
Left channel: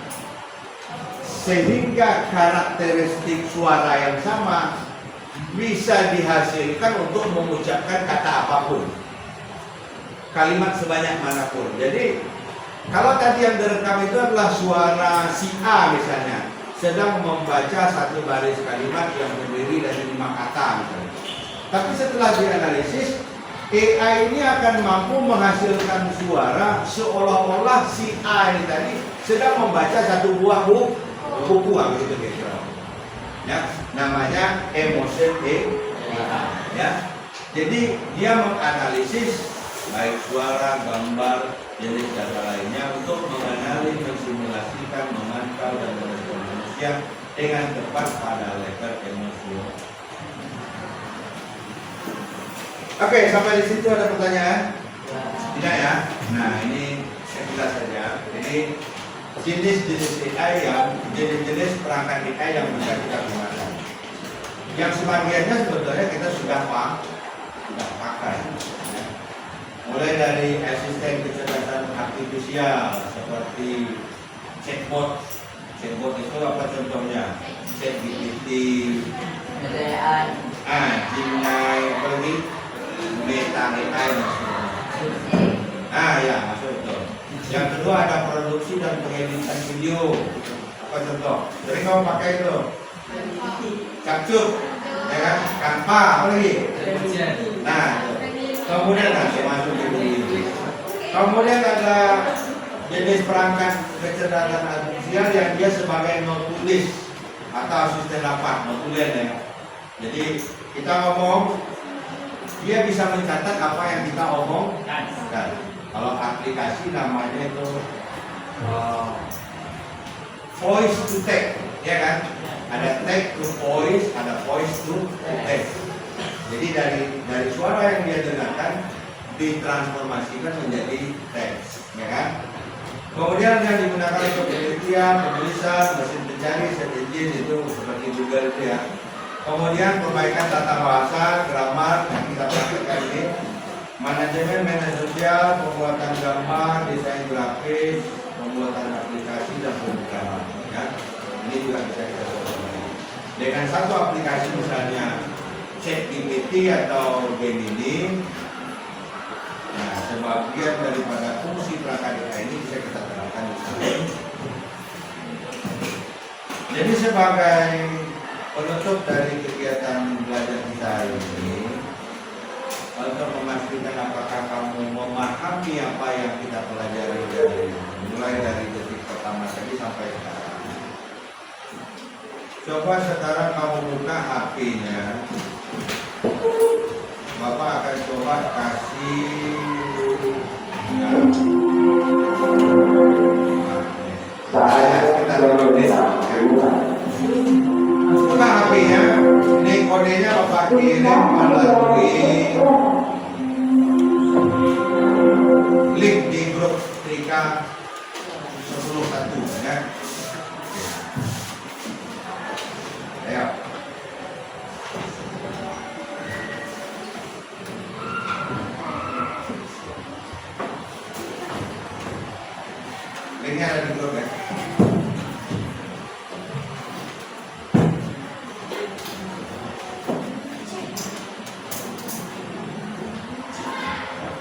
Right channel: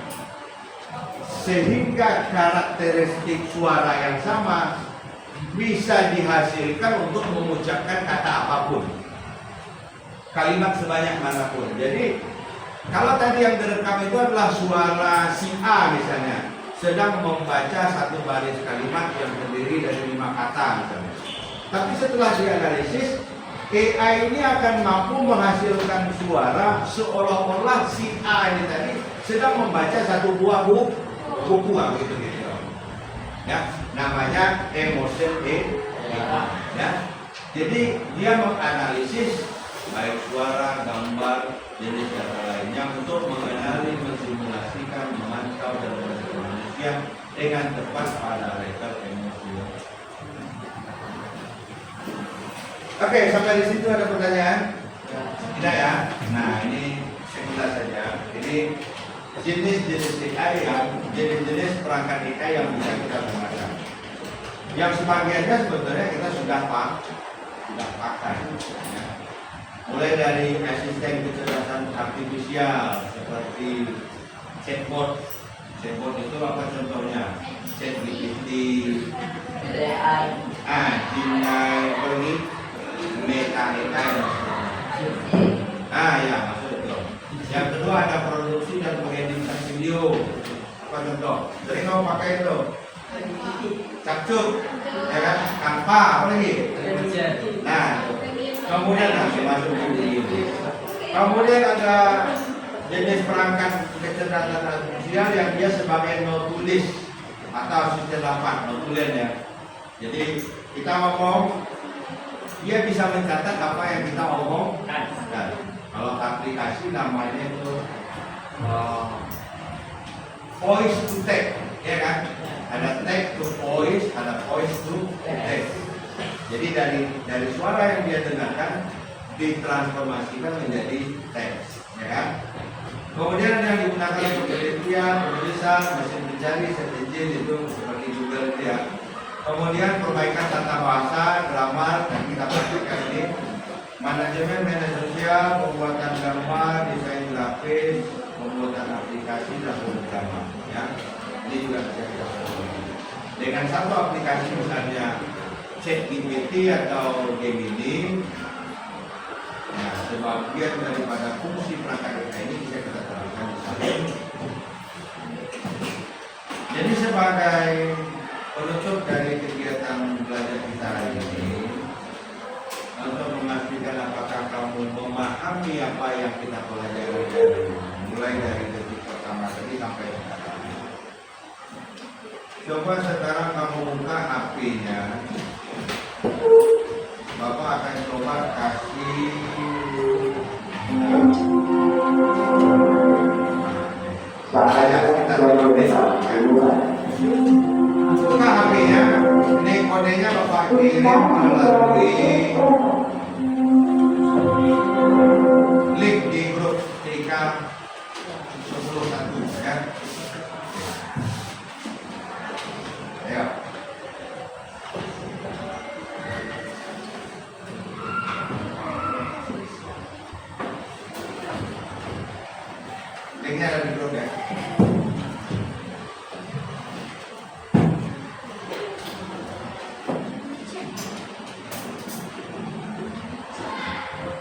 sehingga karakteristik suara yang sama bisa dihasilkan untuk mengucapkan kata apapun, kalimat sebanyak manapun. Jadi kalau tadi yang direkam itu adalah suara si A misalnya sedang membaca satu baris kalimat yang terdiri dari 5 kata misalnya. Tapi setelah dianalisis, AI ini akan mampu menghasilkan suara seolah-olah si A ini tadi sedang membaca satu buah buku gitu. Ya, namanya emotion AI. Ya. Jadi dia menganalisis baik suara, gambar, jenis data lainnya untuk mengenali, mensimulasikan, memantau dan merespon manusia dengan tepat pada level emosional. Oke, sampai di situ ada pertanyaan? Tidak ya? Nah, ini sekilas saja. Ini jenis-jenis AI jenis perangkat AI yang bisa kita gunakan. Yang sebagiannya sebetulnya kita sudah pakai. Ya. Mulai dari asisten kecerdasan artifisial seperti chatbot. Chatbot itu apa contohnya? ChatGPT, Gemini, apa lagi? Meta AI dan sebagainya. Ya maksud itu. Yang kedua ada produksi dan pengeditan video. Apa contoh? Jadi kamu pakai itu Capcut, ya kan? Canva, apa lagi? Nah, kemudian masuk ini. Kemudian ada jenis perangkat kecerdasan artifisial yang dia sebagai notulis atau asisten lapan, notulen ya. Jadi kita ngomong, dia bisa mencatat apa yang kita omongkan. Kalau aplikasi namanya itu voice to text, ya kan? Ada text to voice, ada voice to text. Jadi dari suara yang dia dengarkan ditransformasikan menjadi teks, ya kan? Kemudian yang digunakan untuk penelitian, penulisan, mesin pencari, search engine itu seperti Google ya. Kemudian perbaikan tata bahasa, grammar yang kita praktekkan ini. Manajemen media sosial, pembuatan gambar, desain grafis, pembuatan aplikasi dan pemrograman. Ya, ini juga bisa kita lakukan. Dengan satu aplikasi misalnya ChatGPT atau Gemini, nah, sebagian daripada fungsi perangkat desa ini bisa kita terapkan di sana. Jadi sebagai penutup dari kegiatan belajar kita ini, untuk memastikan apakah kamu memahami apa yang kita pelajari dari mulai dari detik pertama tadi sampai sekarang. Coba sekarang kamu buka HP-nya. Bapak akan coba kasih sekitar 5 menit. Buka HP-nya, ini kodenya Bapak kirim melalui link di grup TK 101 ya. Ayo. Linknya ada di grup ya.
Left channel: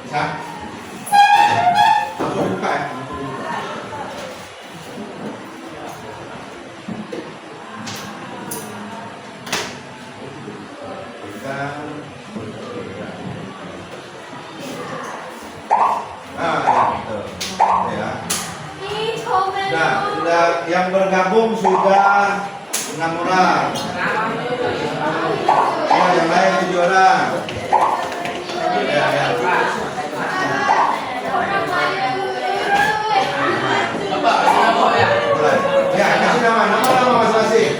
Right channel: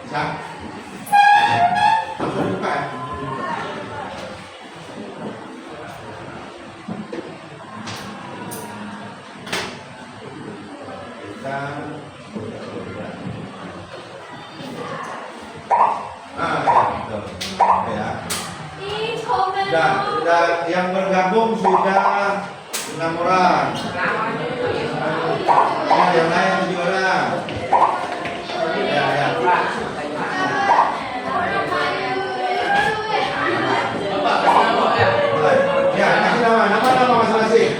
Bisa? Langsung buka ya. Bisa. Betul. Ya. Sudah yang bergabung sudah 6 orang. Oh, yang lain 7 orang. Ya. Ya, kasih nama masing-masing.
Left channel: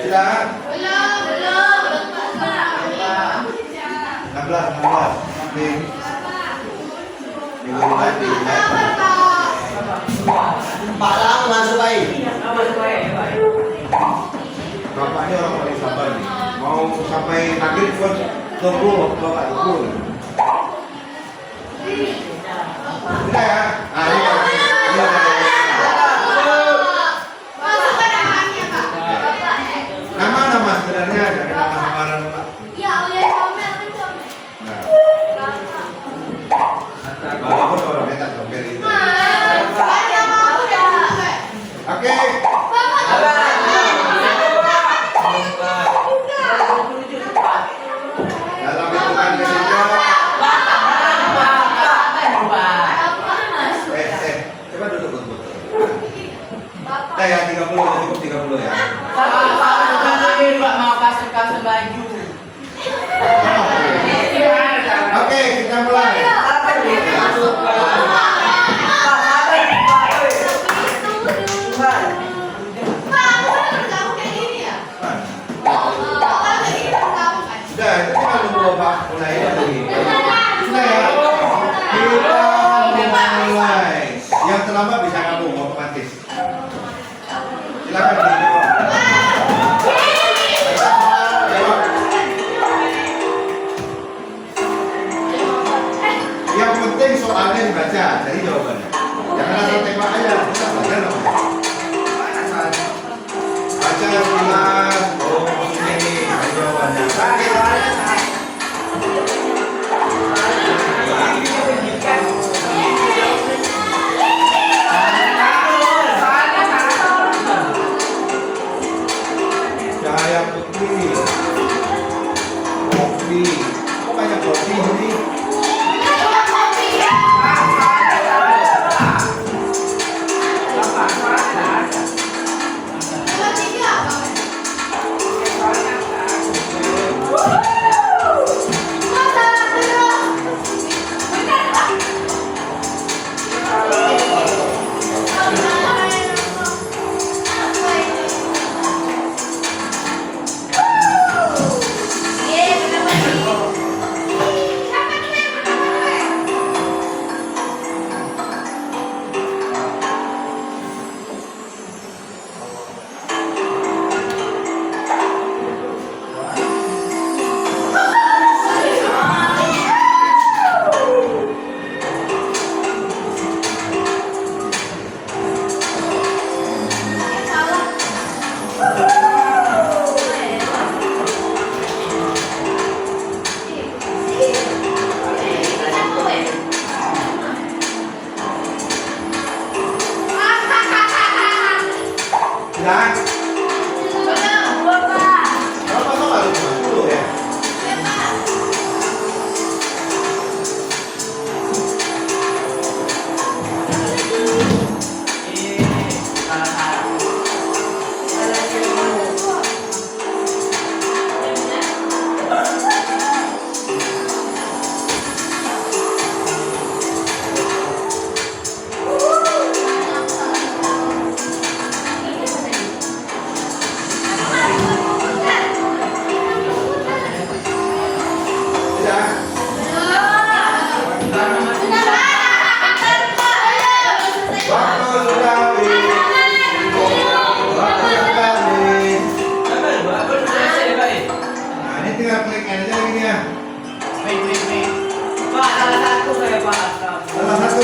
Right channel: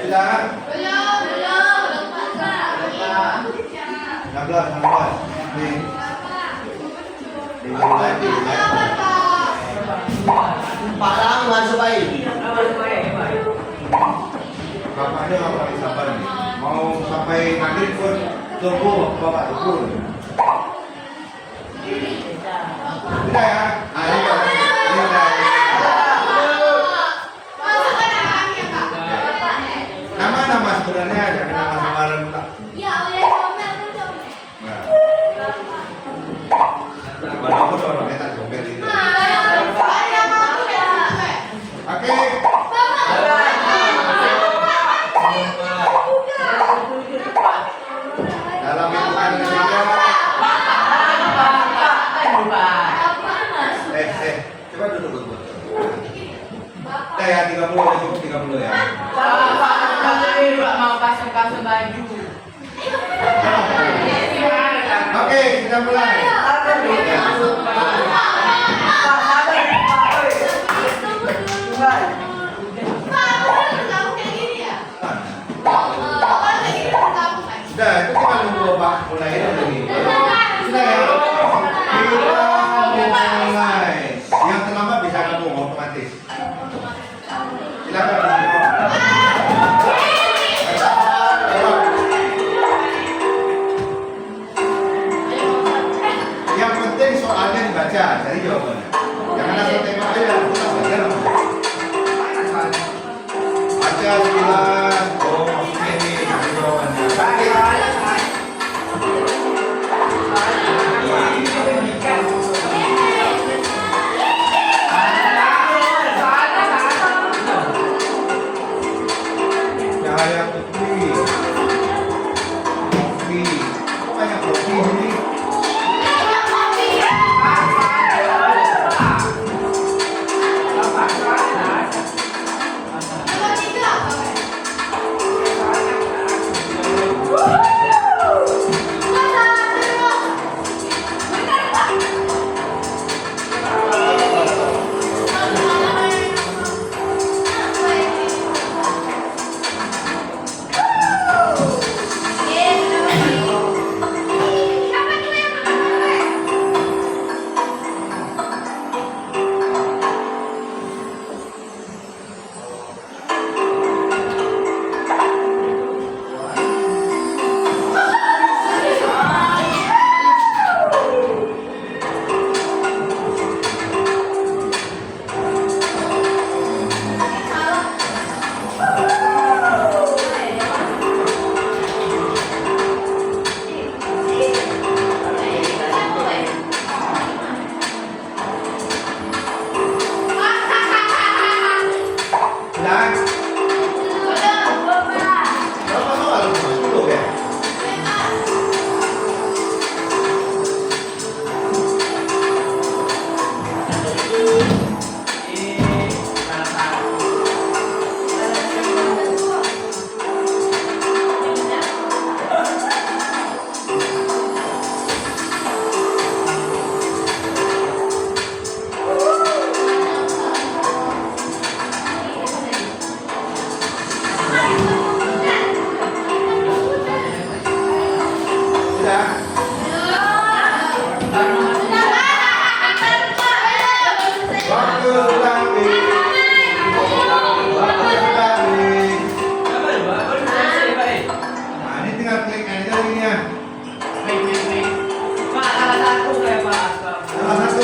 Sudah? 16. Minggu tadi. Pak Lang langsung baik. Bapaknya orang paling sabar nih. Mau sampai maghrib pun tunggu, Bapak tunggu. Sudah ya? Ah, ini ada. Nama sebenarnya ada nama samaran Pak. Nah. Walaupun orangnya tak comel itu. Oke. Dalam hitungan ketiga. Coba duduk. Kita ya 30 udah cukup 30 ya. Juga mau kasih baju. Oke, kita mulai. Sudah, itu kita nunggu Bapak mulai lagi. Sudah ya. Kita mulai. Yang terlambat bisa gabung otomatis. Silakan dijawab. Yang penting soalnya dibaca, cari jawabannya. Jangan asal tembak aja, kita belajar apa? Baca sekilas, oh maksudnya ini, cari jawabannya. Cahaya putih, kopi, kok banyak kopi ini? Yeah. linknya? Wait. Pak, salah satu saya Pak. Salah satu.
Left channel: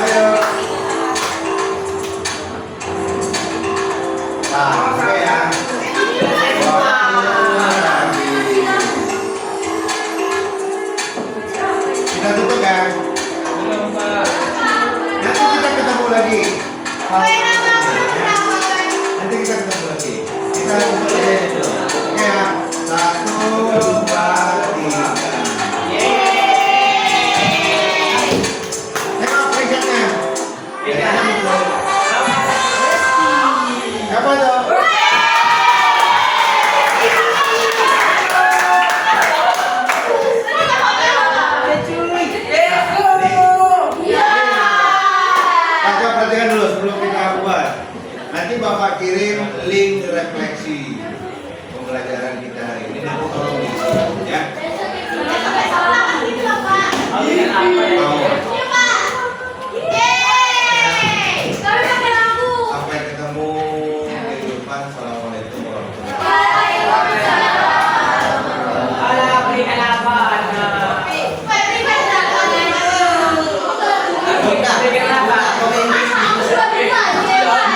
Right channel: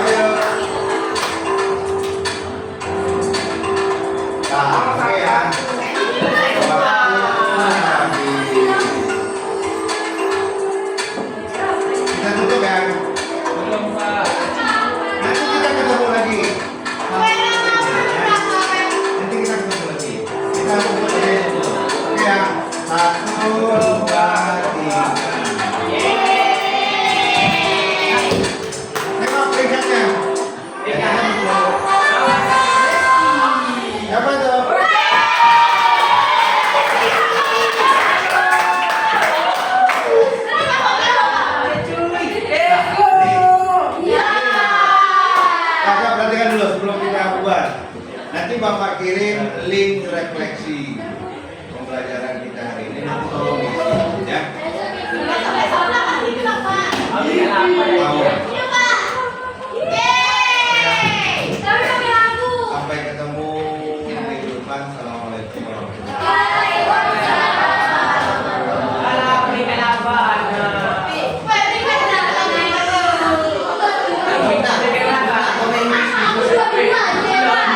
Ayo. Nah, oke ya. Waktu habis. Kita tutup ya. Nanti kita ketemu lagi. Nanti kita ketemu lagi. Kita tutup aja itu. Oke ya. 1, 2, 3. Tengok peringkatnya. Siapa tuh? Bapak perhatikan dulu sebelum kita buat. Nanti Bapak kirim link refleksi.